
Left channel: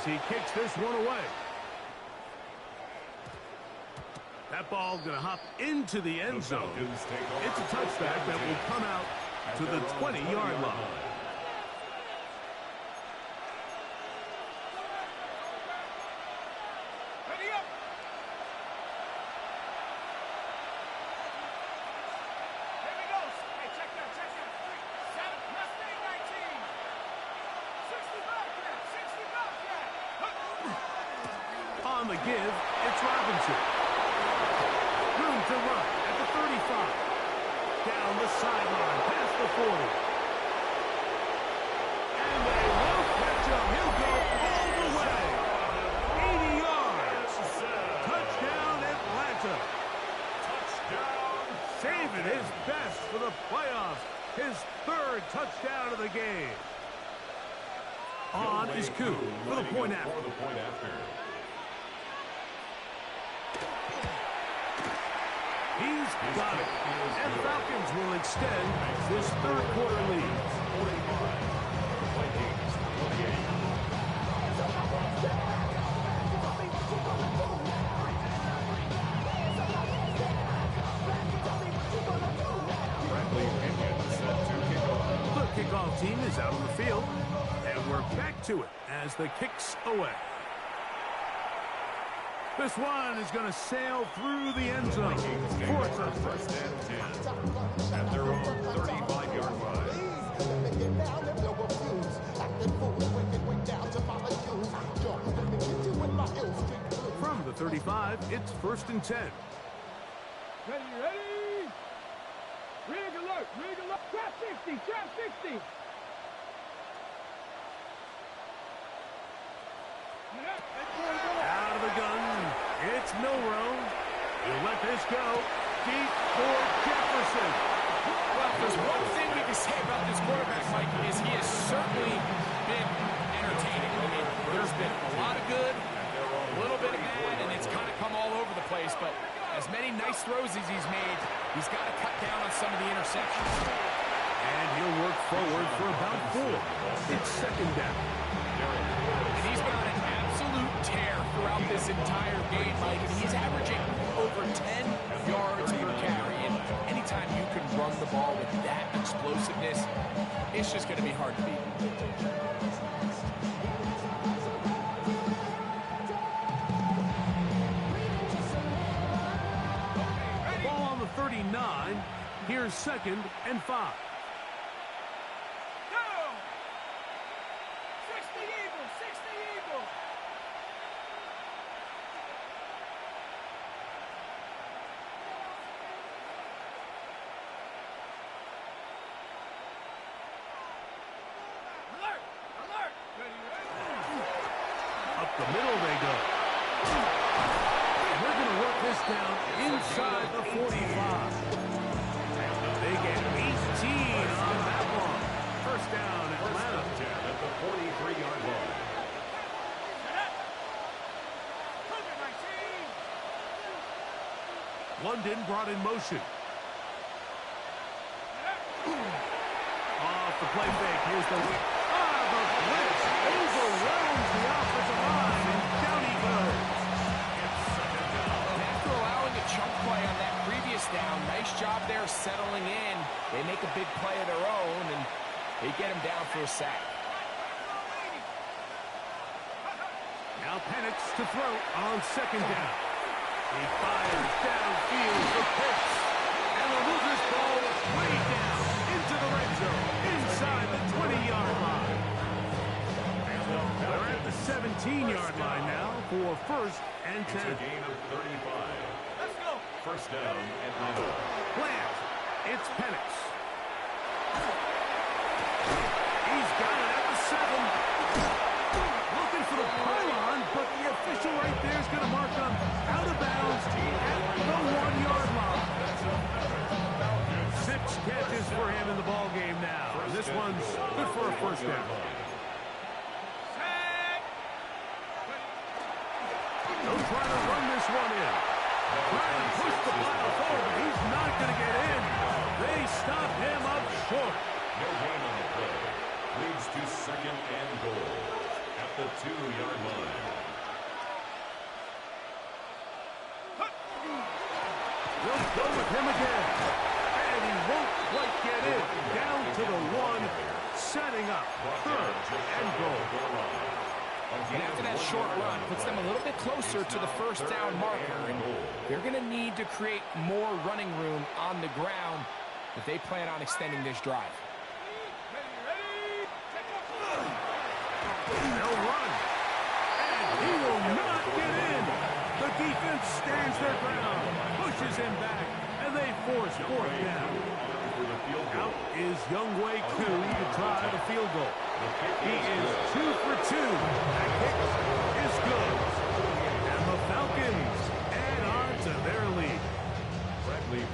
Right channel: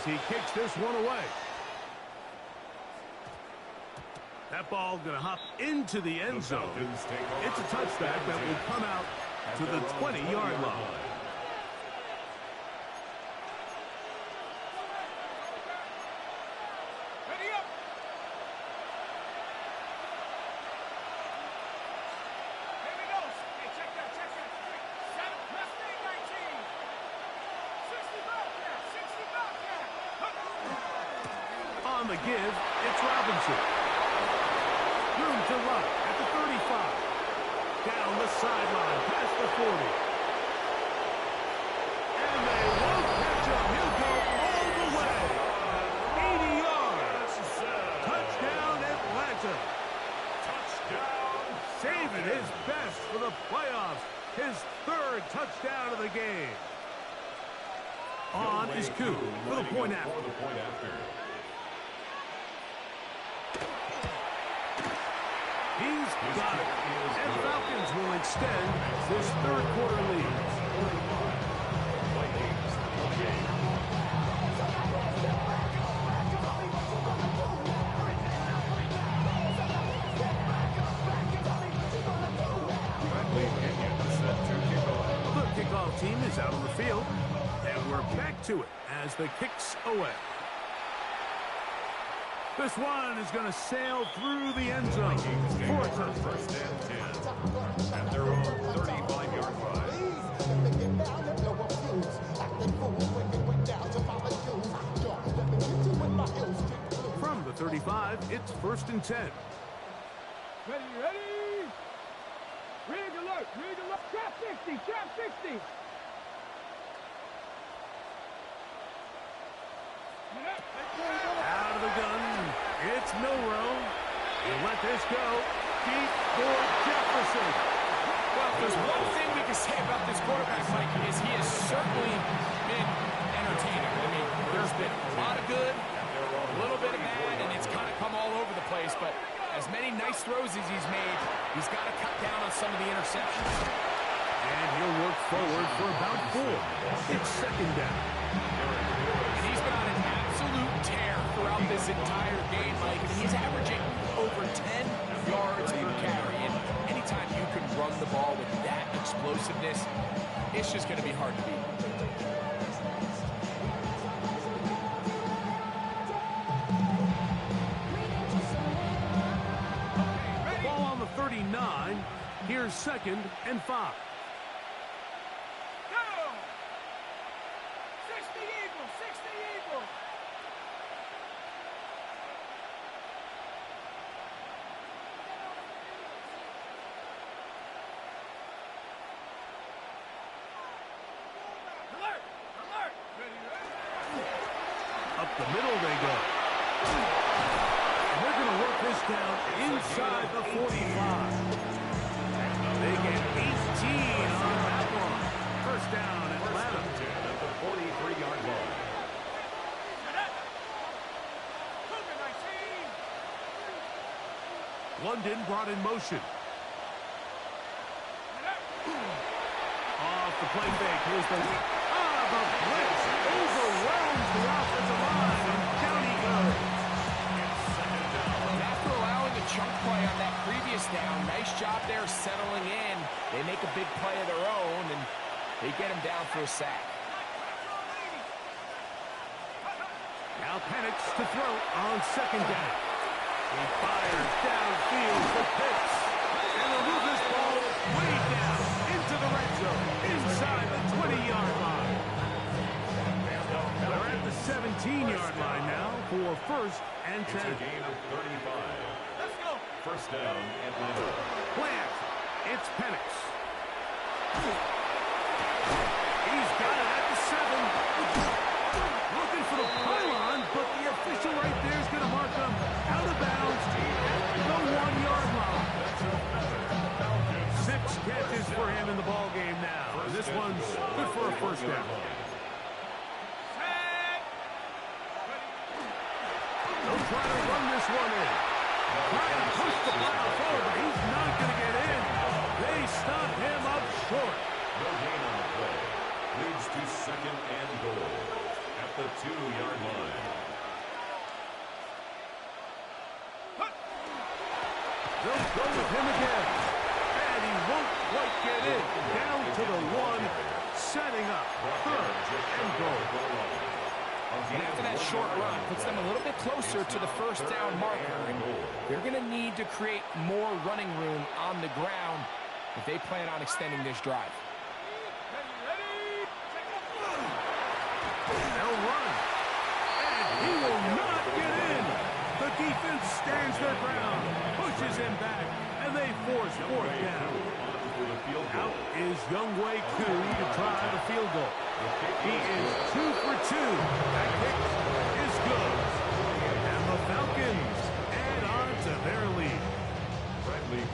as he kicks this one away. That ball going to hop into the end zone. It's a touchback that will come out to the 20-yard line. Ready up. Here we go. Hey, check that. 3, 7, Mustang 19. 65 cat. On the give, it's Robinson. Room to run at the 35. Down the sideline, past the 40. And they won't catch him. He'll go all the way. 80 yards. Touchdown, Atlanta. Touchdown. Saving his best for the playoffs. His third touchdown of the game. On is Koo for the point after. He's got it. And the Falcons will extend this third quarter lead. 45. Vikings 28. Bradley Pinion set to kick off. The kickoff team is out on the field. And we're back to it as the kick's away. This one is going to sail through the end zone. For a touchdown. First and 10 at their own 35-yard line. Let me get down and blow a fuse. Acting fool when it went down to Mama Jules. Yo, let me get you with my ill street blues. From the 35, it's first and 10. Ready. Rig alert. Trap 60. Out of the gun, it's Milrow. He'll let this go. Deep for Jefferson. Well, if there's one thing we can say about this quarterback, Mike, is he has certainly been entertaining. I mean, there's been a lot of good, a little bit of bad, and it's kind of come all over the place. But as many nice throws as he's made, he's got to cut down on some of the interceptions. And he'll work forward for about 4. It's second down. And he's been on an absolute tear throughout this entire game, Mike. And he's averaging over 10 yards per carry. And anytime you can run the ball with that explosiveness, it's just going to be hard to beat. Ball on the 39. Here's second and 5. Go! 60 Eagles. Alert! Ready. Up the middle they go. And they're going to work this down inside the 45. They get 18 on that one. First down, Atlanta. 10 at the 43-yard line. London brought in motion. Off the play fake. Here's the the blitz overwhelms the offensive line, and down he goes. After allowing a chunk play on that previous down, nice job there settling in. They make a big play of their own, and they get him down for a sack. Now Penix to throw on second down. He fires downfield for Pitts. And they'll move this ball way down into the red zone, inside the 20-yard line. They're at the 17-yard line now for first and 10. It's a gain of 35. Let's go. First down, Atlanta. Plant. It's Penix. He's got it at the 7. Looking for the pylon, but the official right there is going to mark him out of bounds at the 1-yard line. 6 catches for him in the ball game now. And this one's good for a first down. They'll try to run this one in. Trying to push the pile forward, but he's not going to get in. They stop him up short. No gain on the play. Leads to second and goal. At the 2-yard line. They'll go with him again. And he won't quite get in. Down to the 1, setting up 3rd and goal. And after that short run, puts them a little bit closer to the first down marker. And they're going to need to create more running room on the ground if they plan on extending this drive. They'll run. And he will not get in. The defense stands their ground, pushes him back, and they force 4th down. Out is Younghoe Koo to try the field goal. He is 2 for 2. That kick is good. And the Falcons add on to their lead.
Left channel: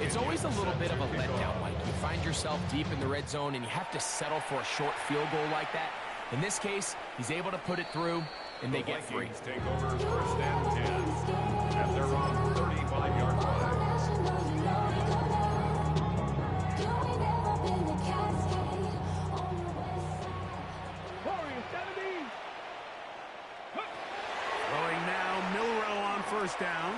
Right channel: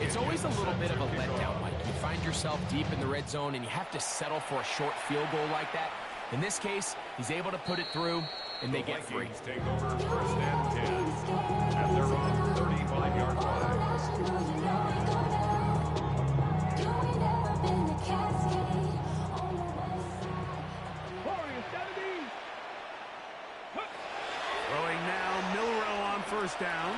It's always a little bit of a letdown, Mike. You find yourself deep in the red zone and you have to settle for a short field goal like that. In this case, he's able to put it through, and they get 3. Take over 1st and 10 at their own 35-yard line. Throwing now, Milroe on 1st down.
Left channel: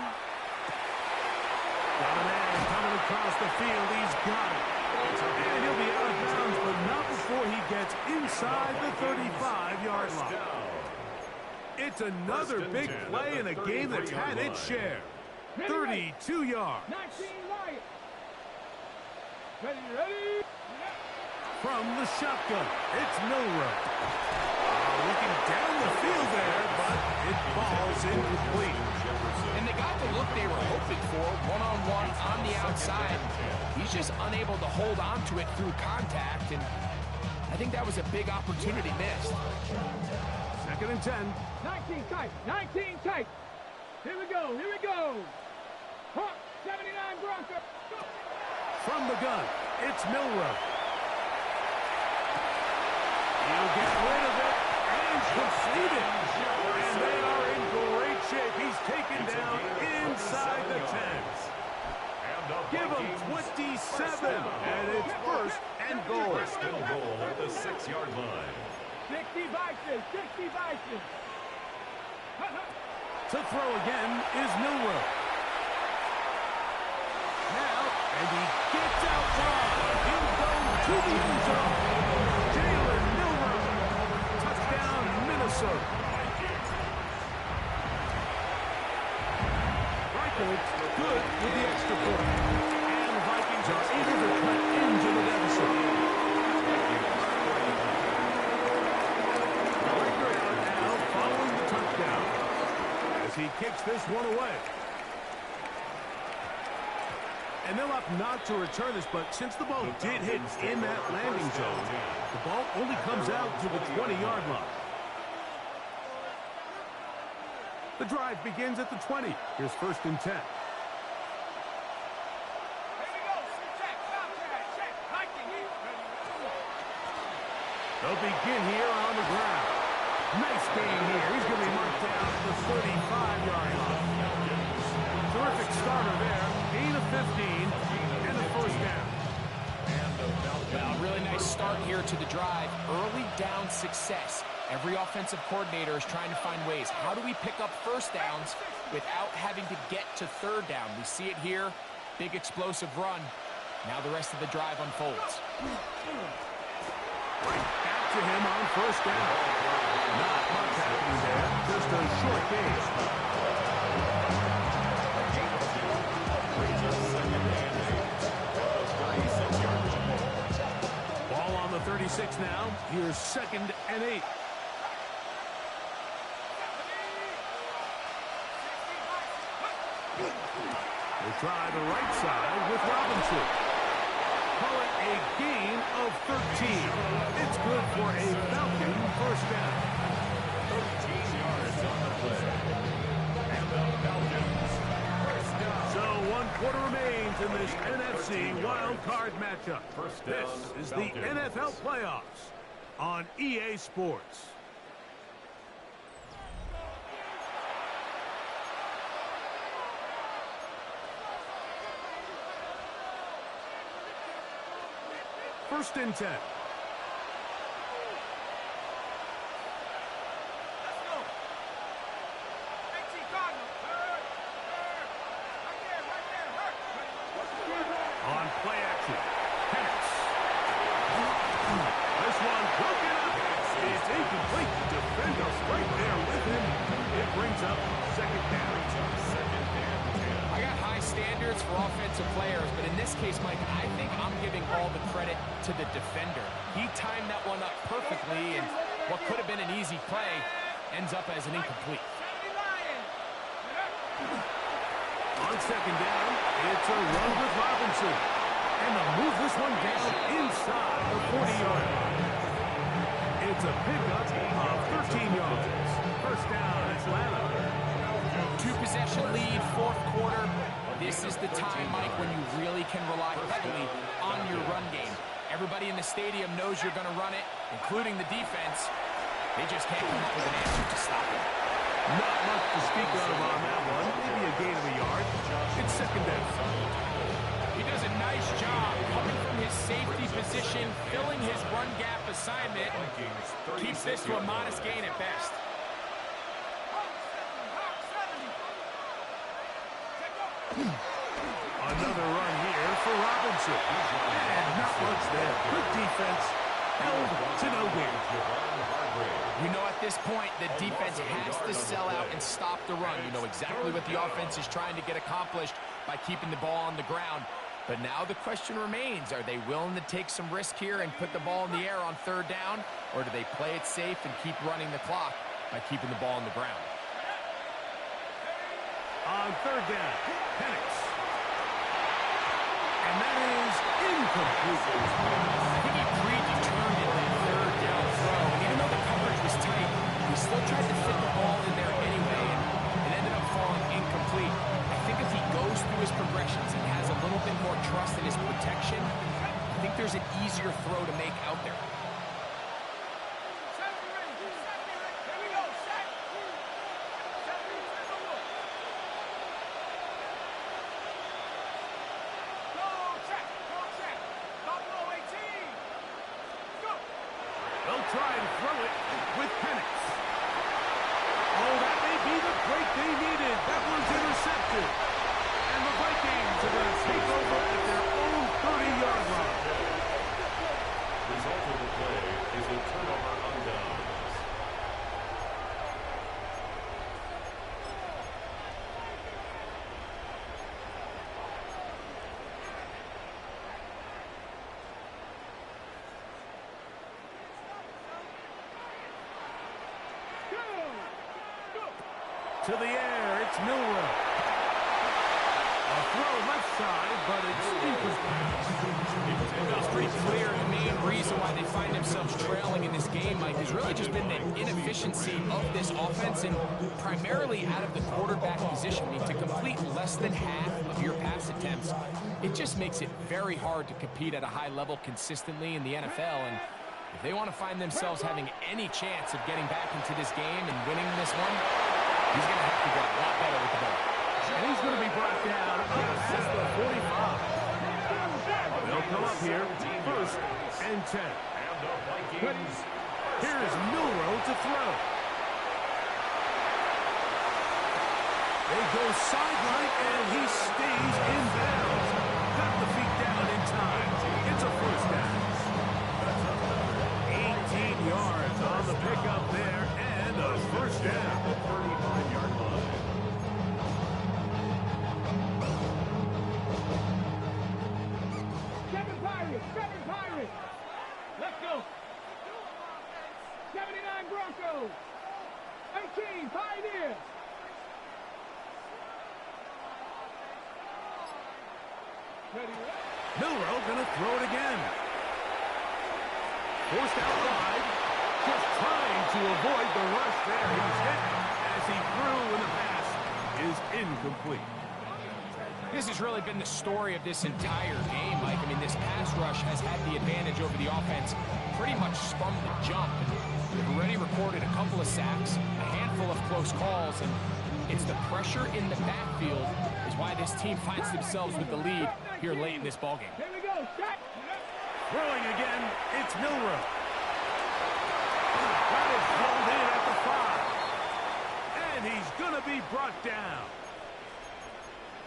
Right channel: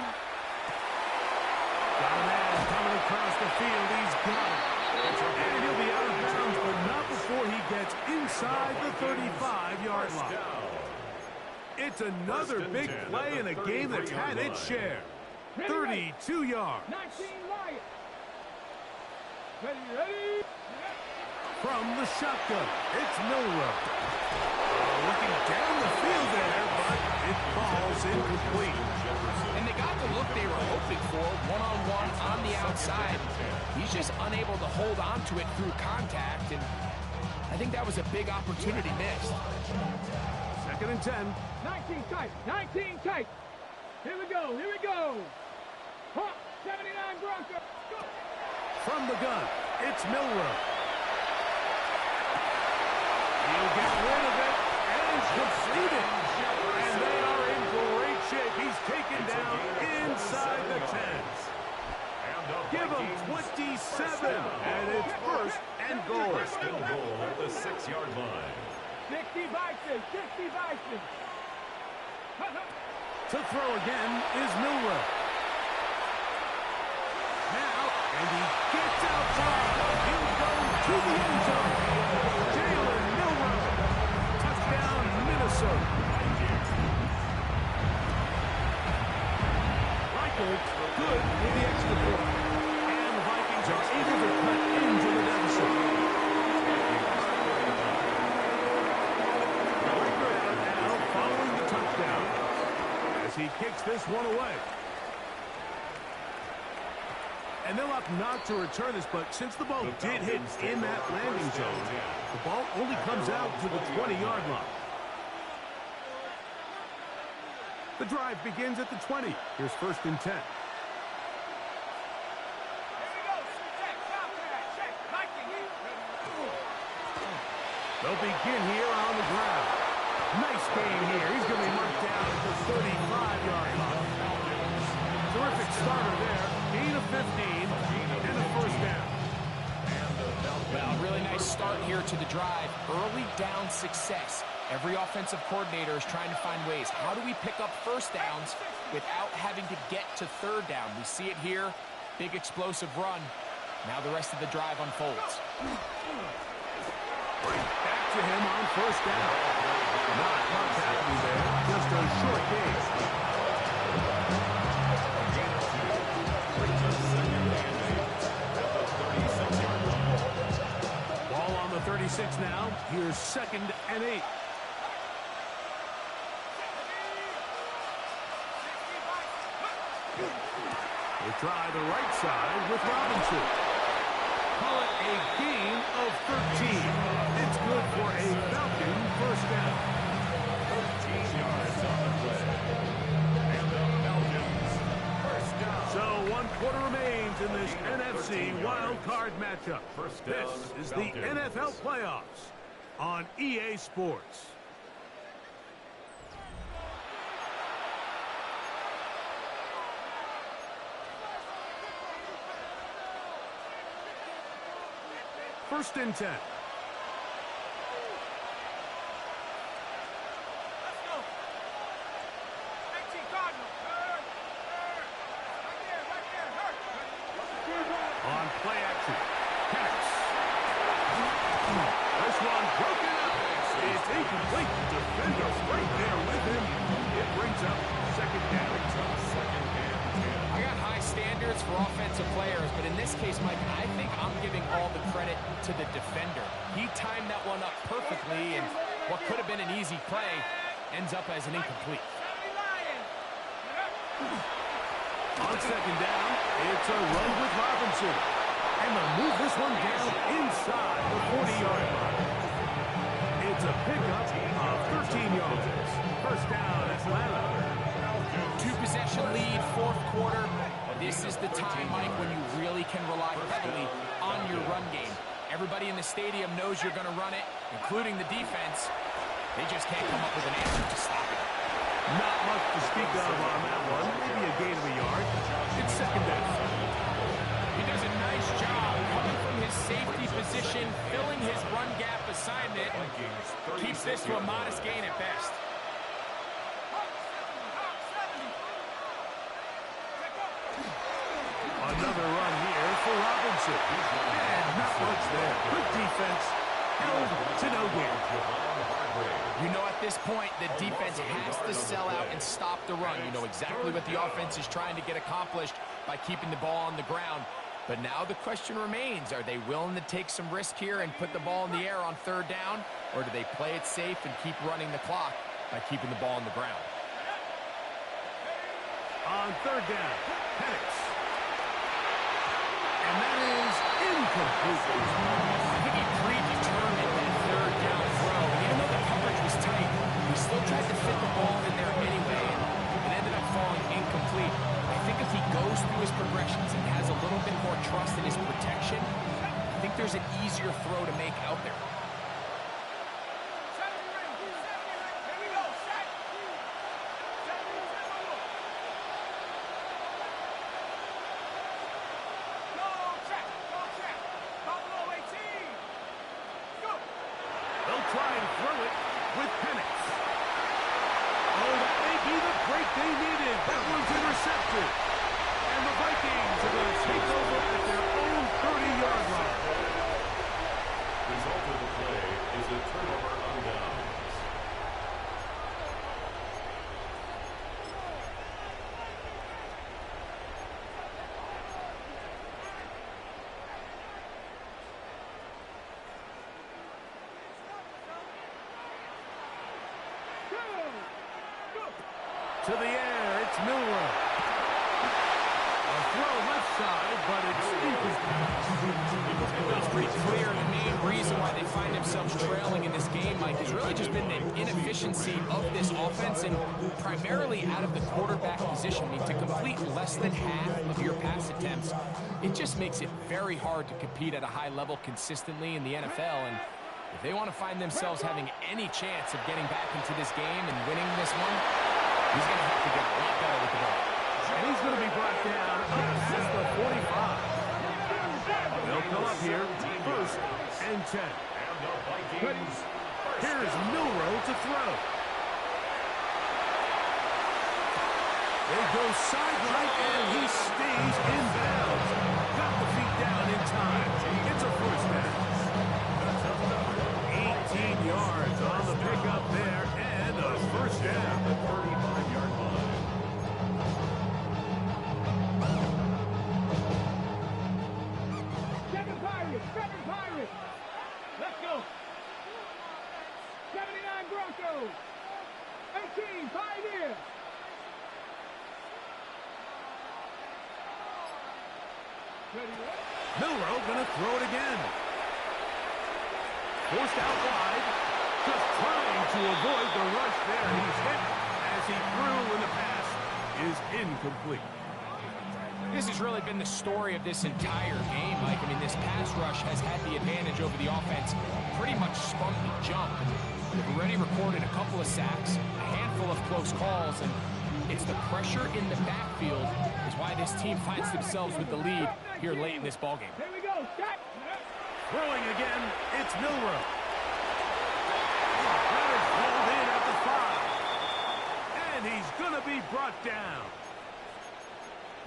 Got a man coming across the field. He's got it. And he'll be out of bounds, but not before he gets inside the 35-yard line. It's another big play in a game that's had its share. 32 yards. 19 Lions. Ready? From the shotgun, it's Milroe. Looking down the field there, but it falls incomplete. And they got the look they were hoping for, one-on-one on the outside. He's just unable to hold on to it through contact, and I think that was a big opportunity missed. 2nd and 10. 19 tight. Here we go. 79 Broncos. Go. From the gun, it's Milroe. He'll get rid of it and complete it. And they are in great shape. He's taken down inside the 10. Give him 27, and it's 1st and goal. Still goal at the 6-yard line. 60 Bison. To throw again is Milroe. Now, and he gets outside. He'll go to the end zone. Jalen Milroe. Touchdown, Minnesota. Reichelt good with the extra point. And the Vikings are able to cut into the deficit. Reichelt out now following the touchdown as he kicks this one away. And they'll opt not to return this, but since the ball did hit in that landing zone, the ball only comes out to the 20-yard line. The drive begins at the 20. Here's 1st and 10. They'll begin here on the ground. Nice game here. He's going to be marked down at the 35-yard line. Terrific starter there. Gain of 15 and a 1st down. Well, really nice start here to the drive. Early down success. Every offensive coordinator is trying to find ways. How do we pick up 1st downs without having to get to 3rd down? We see it here. Big explosive run. Now the rest of the drive unfolds. Back to him on 1st down. Not much happening there. Just a short game. Brings us 2nd and 8 at the 36-yard line. Ball on the 36 now. Here's 2nd and 8. We'll try the right side with Robinson. Call it a gain of 13. It's good for a Falcon 1st down. 13 yards on the play. And the Falcons 1st down. So 1 quarter remains in this NFC wild card matchup. This is the NFL playoffs on EA Sports. First and 10. Play action. Penix. This one broken up. It's incomplete. The defender right there with him. It brings up second down. I got high standards for offensive players, but in this case, Mike, I think I'm giving all the credit to the defender. He timed that one up perfectly, and what could have been an easy play ends up as an incomplete. On second down, it's a run with Robinson. And they'll move this one down inside the 40-yard line. It's a pickup of 13 yards. First down, Atlanta. Two-possession lead, fourth quarter. This is the time, Mike, when you really can rely heavily on your run game. Everybody in the stadium knows you're going to run it, including the defense. They just can't come up with an answer to stop it. Not much to speak of on that one. Maybe a gain of a yard. It's second down. He does a nice job coming from his safety position, filling his run gap assignment. Keeps this to a modest gain at best. Another run here for Robinson. And not much there. Good defense. Held to no gain. You know, at this point, the defense has to sell out and stop the run. You know exactly what the offense is trying to get accomplished by keeping the ball on the ground. But now the question remains, are they willing to take some risk here and put the ball in the air on third down? Or do they play it safe and keep running the clock by keeping the ball on the ground? On third down, Penix. And that is incomplete. I think he predetermined that third down throw. And even though the coverage was tight, he still tried to fit the ball in there anyway. And it ended up falling incomplete. I think if he goes through his progressions and has a little bit more trust in his protection, I think there's an easier throw to make out there. They'll try and throw it with Penix. Oh, that may be the break they needed. That one's intercepted. And the Vikings are going to take over at their own 30-yard line. Result of the play is a turnover on downs. To the air, it's Milrow. A throw left side, but it's incomplete. It's pretty clear the main reason why they find themselves trailing in this game, Mike, has really just been the inefficiency of this offense and primarily out of the quarterback position. I mean, to complete less than half of your pass attempts, it just makes it very hard to compete at a high level consistently in the NFL. And if they want to find themselves having any chance of getting back into this game and winning this one, he's going to have to get a lot better with the ball. And he's going to be brought down up past the 45. They'll come up here, first and 10. And the Vikings. Here's Milrow to throw. They go sideline, and he stays in bounds. Got the feet down in time. It's a first down. 18 yards on the pickup there, and a first down. The 35-yard line. Seven Pirates. Let's go. 79 Broncos. 18 Pioneers. Milrow gonna throw it again. Forced out wide. Just trying to avoid the rush there. He's hit as he threw, and the pass is incomplete. This has really been the story of this entire game, Mike. I mean, this pass rush has had the advantage over the offense pretty much from the jump. And they've already recorded a couple of sacks, a handful of close calls, and it's the pressure in the backfield is why this team finds themselves with the lead here late in this ballgame. Here we go. Shot. Throwing again, it's Milrow. That is hauled in at the 5. And he's going to be brought down.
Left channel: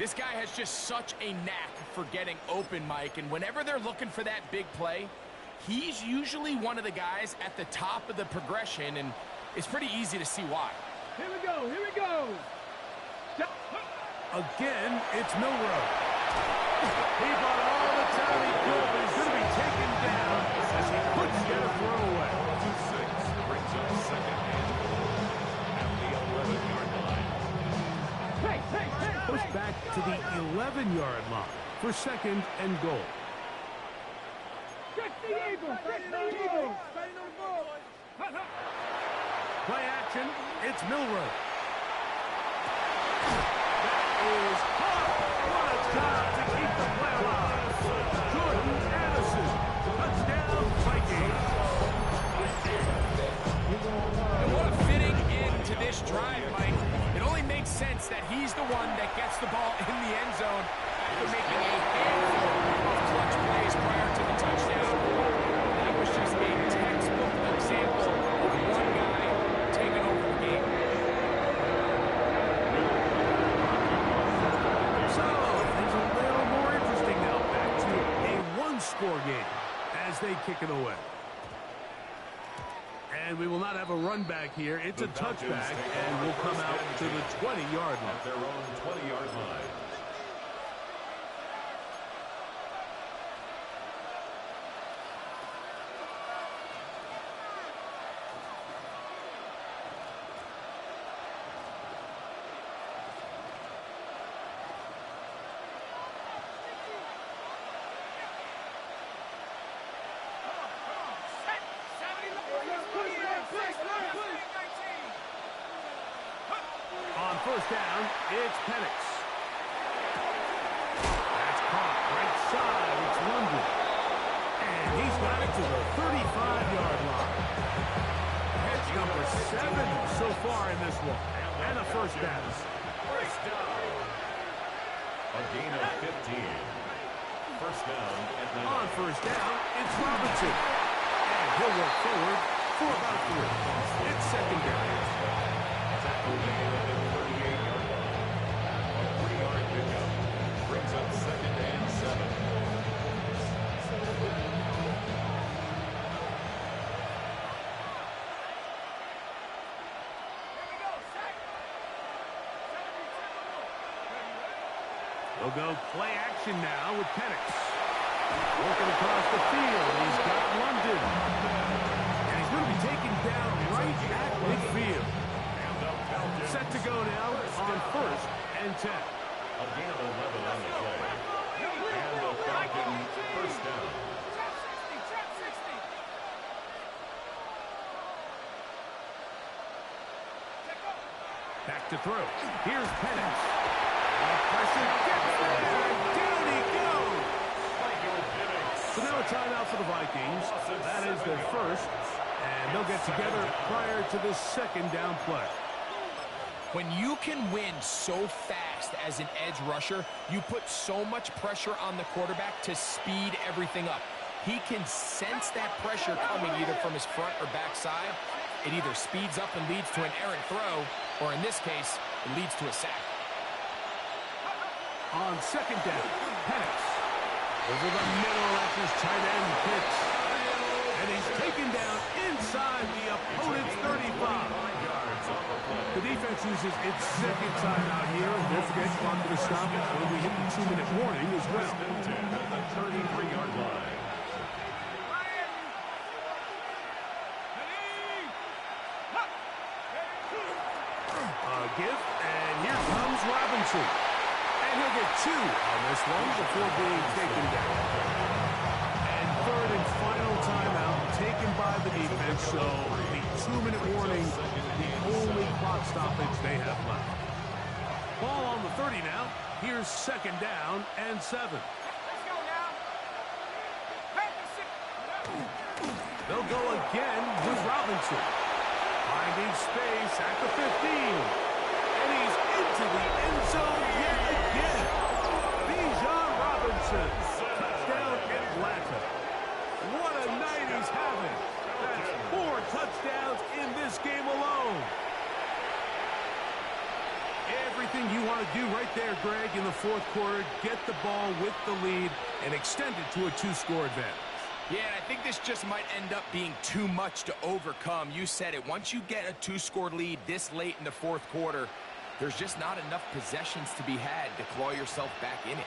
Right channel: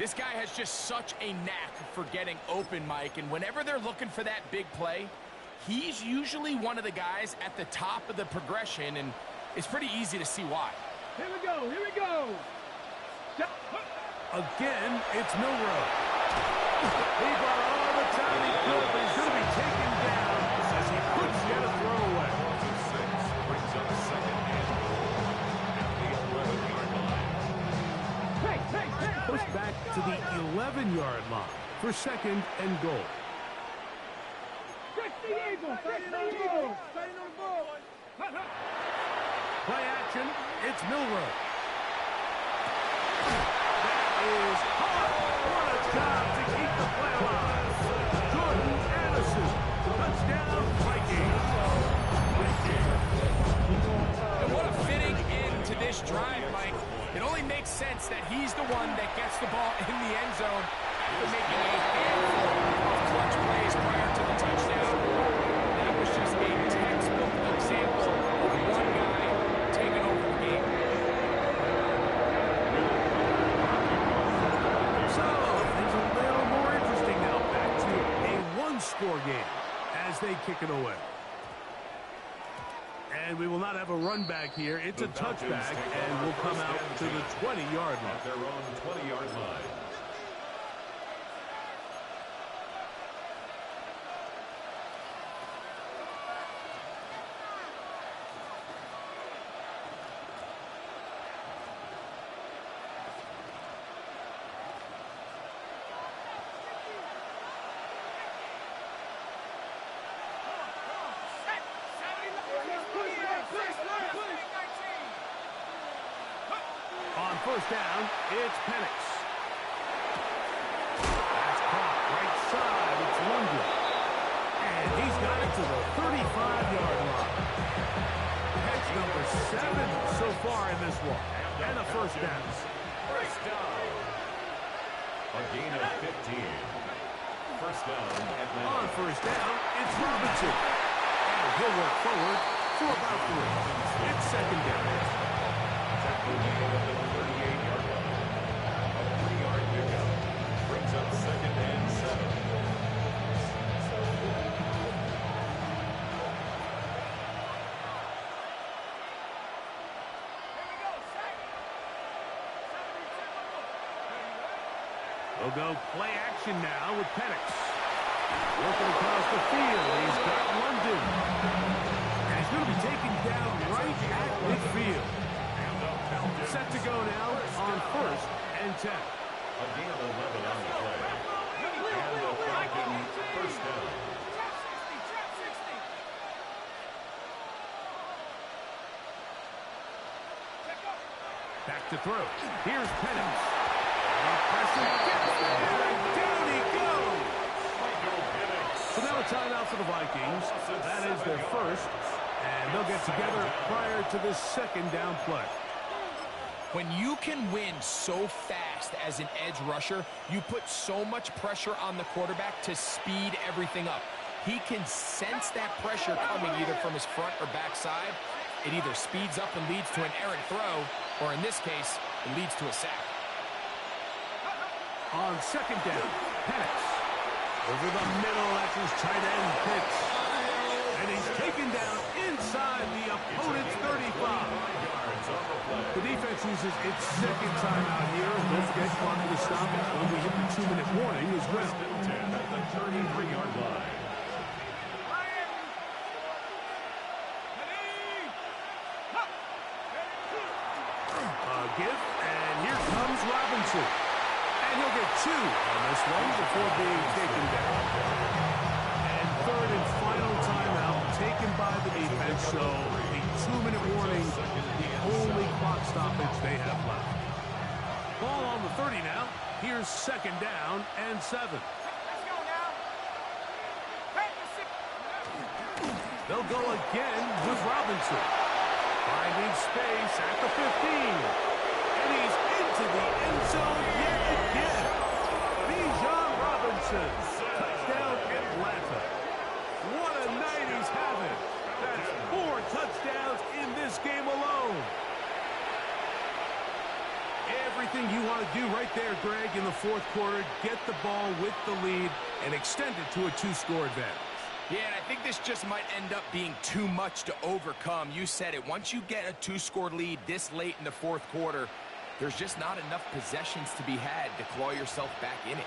This guy has just such a knack for getting open, Mike, and whenever they're looking for that big play, he's usually one of the guys at the top of the progression, and it's pretty easy to see why. Here we go, here we go. Again, it's Milrow. He brought all the time he could, but he's going to be taken down as he couldn't get a throwaway. 6 brings up second and goal at the 11-yard line. Push back to the 11-yard line for second and goal. Stretch the eagle, stretch the eagle. Starting on the ball. Play action, it's Milrow. That is hard. What a job to keep the play alive. Jordan Addison, touchdown Vikings. And what a fitting end to this drive, Mike. It only makes sense that he's the one that gets the ball in the end zone after making a handful of clutch plays prior to the touchdown. That was just a textbook example of one guy taking over the game. So, things a little more interesting now. Back to a one-score game as they kick it away. And we will not have a run back here. It's a touchback, and we'll come out to the 20-yard line. At their own 20-yard line. On first down, it's Penix. That's caught right side. It's London. And he's got it to the 35-yard line. Catch number 7 so far in this one. And a first down. First down. A gain of 15. First down at 9. On first down, it's Robinson. And he'll work forward for about 3. It's second down. Tackle gain of the 38-yard line. A 3-yard pickup brings up second and 7. They'll go play action now with Penix. Looking across the field, he's got London. And he's going to be taken down right at midfield. Set to go now on first and 10. A gain of 11 on the play. And the Falcon first down. Back to throw. Here's Penix. Pressure gets there, and down he goes. So now a timeout for the Vikings. That is their first, and they'll get together prior to this second down play. When you can win so fast as an edge rusher, you put so much pressure on the quarterback to speed everything up. He can sense that pressure coming either from his front or back side. It either speeds up and leads to an errant throw, or in this case, it leads to a sack. On second down, Penix. Over the middle, that's his tight end Pitts. And he's taken down inside the opponent's 35. The defense uses its second timeout here. And don't forget, clock to stop when we hit the 2-minute warning as well. At the 33-yard line. A give, and here comes Robinson. And he'll get 2 on this one before being taken down. And third and final timeout taken by the defense, so the 2-minute warning, the only clock stoppage they have left. Ball on the 30 now. Here's second down and 7. Let's go now. They'll go again with Robinson. Finding space at the 15. And he's into the end zone yet again. Bijan Robinson. Touchdown Atlanta. What a night he's having. That's 4 touchdowns in this game alone. Every everything you want to do right there, Greg, in the fourth quarter. Get the ball with the lead and extend it to a 2-score advantage. Yeah, and I think this just might end up being too much to overcome. You said it. Once you get a 2-score lead this late in the fourth quarter, there's just not enough possessions to be had to claw yourself back in it.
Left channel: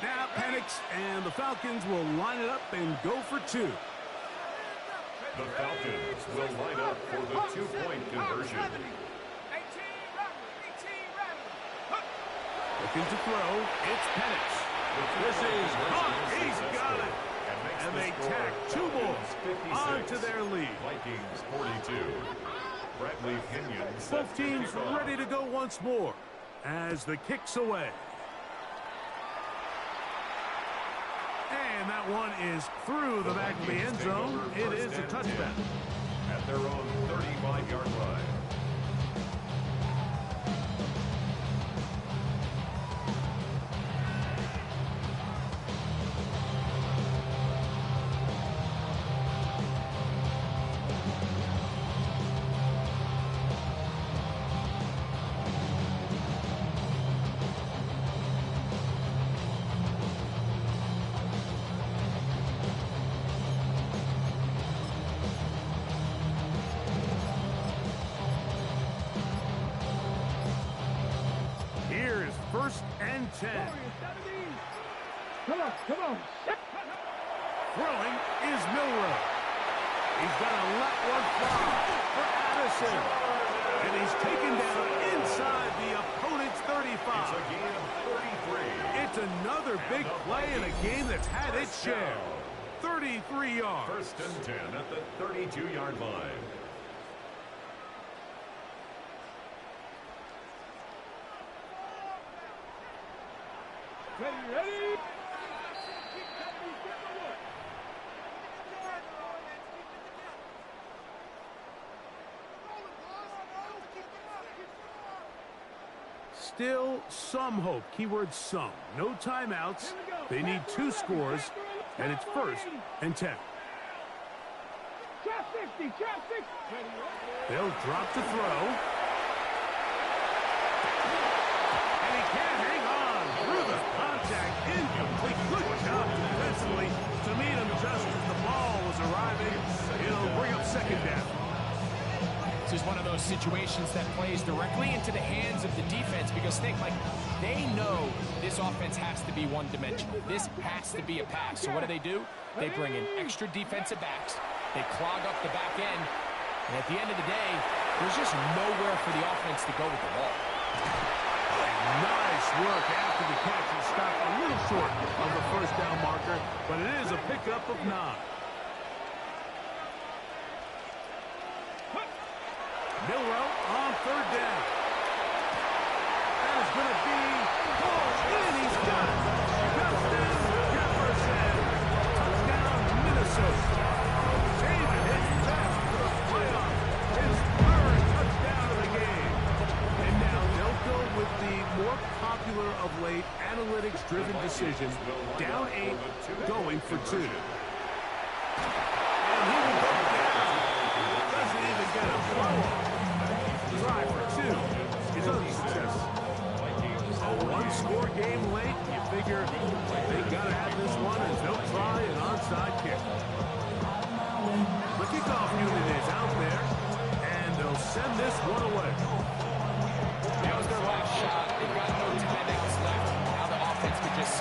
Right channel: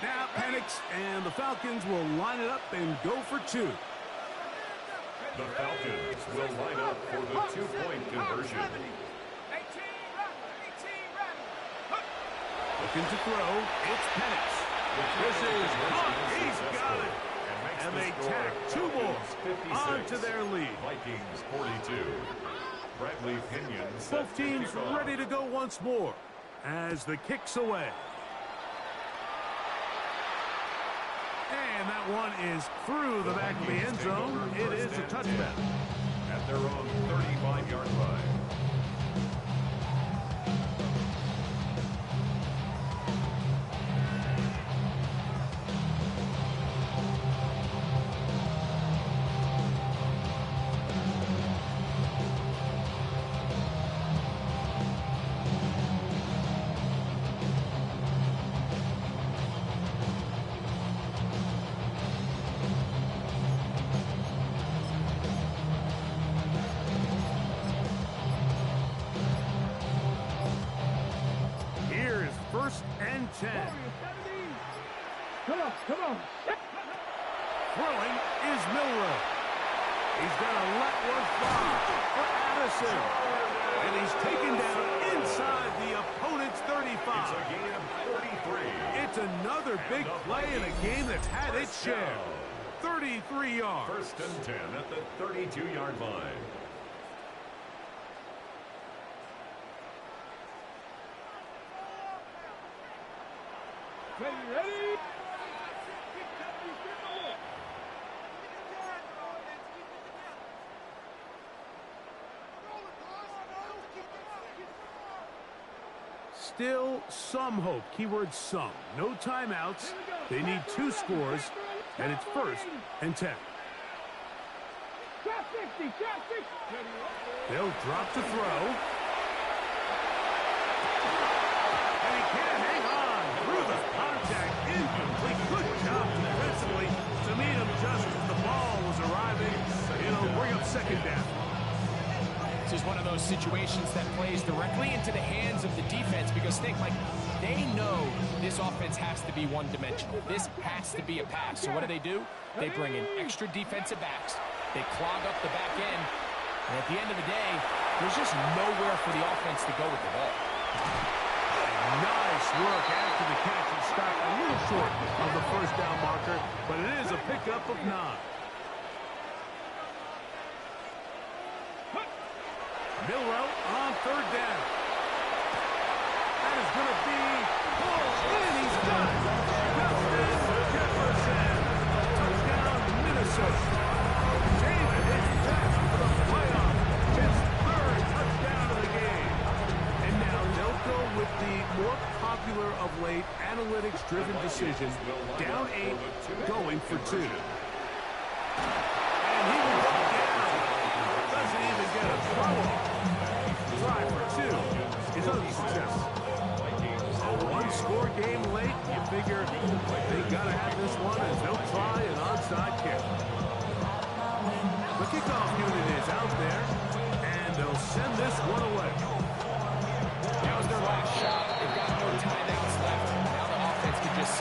Now Penix and the Falcons will line it up and go for 2. The Falcons will line up for the 2-point conversion. Looking to throw. It's Penix. This is caught. He's got it. And they tack 2 more onto their lead. Vikings 42. Bradley Pinion. Both teams ready to go once more as the kick's away. And that one is through the back of the end zone. It is a touchdown. At their own 35-yard line. First and 10. Come on, come on. Throwing is Milrow. He's going to let one fly for Addison. And he's taken down inside the opponent's 35. It's a gain of 33. It's another big play in a game that's had its share. 33 yards. First and 10 at the 32-yard line. Ready? Still some hope. Keyword some. No timeouts. They need 2 scores, and it's first and 10. Shot 60, shot 60. They'll drop to throw. And he can't hang on through the contact. Incomplete. Good job defensively to meet him just as the ball was arriving. It'll bring up second down. This is one of those situations that plays directly into the hands of the defense because they know this offense has to be one-dimensional. This has to be a pass. So what do? They bring in extra defensive backs. They clog up the back end. And at the end of the day, there's just nowhere for the offense to go with the ball. Nice work after the catch. He stopped a little short of the first down marker, but it is a pickup of 9. Milrow on third down. That is going to be pulled in. He's got it. Justin Jefferson. Touchdown, Minnesota. David is back for the playoff. His 3rd touchdown of the game. And now they'll go with the more popular of late analytics-driven decision. Down 8, going for 2. And he will go down. Doesn't even get a throw off. Try for 2 is unsuccessful. A 1-score game late. You figure they got to have this one as they'll try an onside kick. The kickoff unit is out there, and they'll send this one away.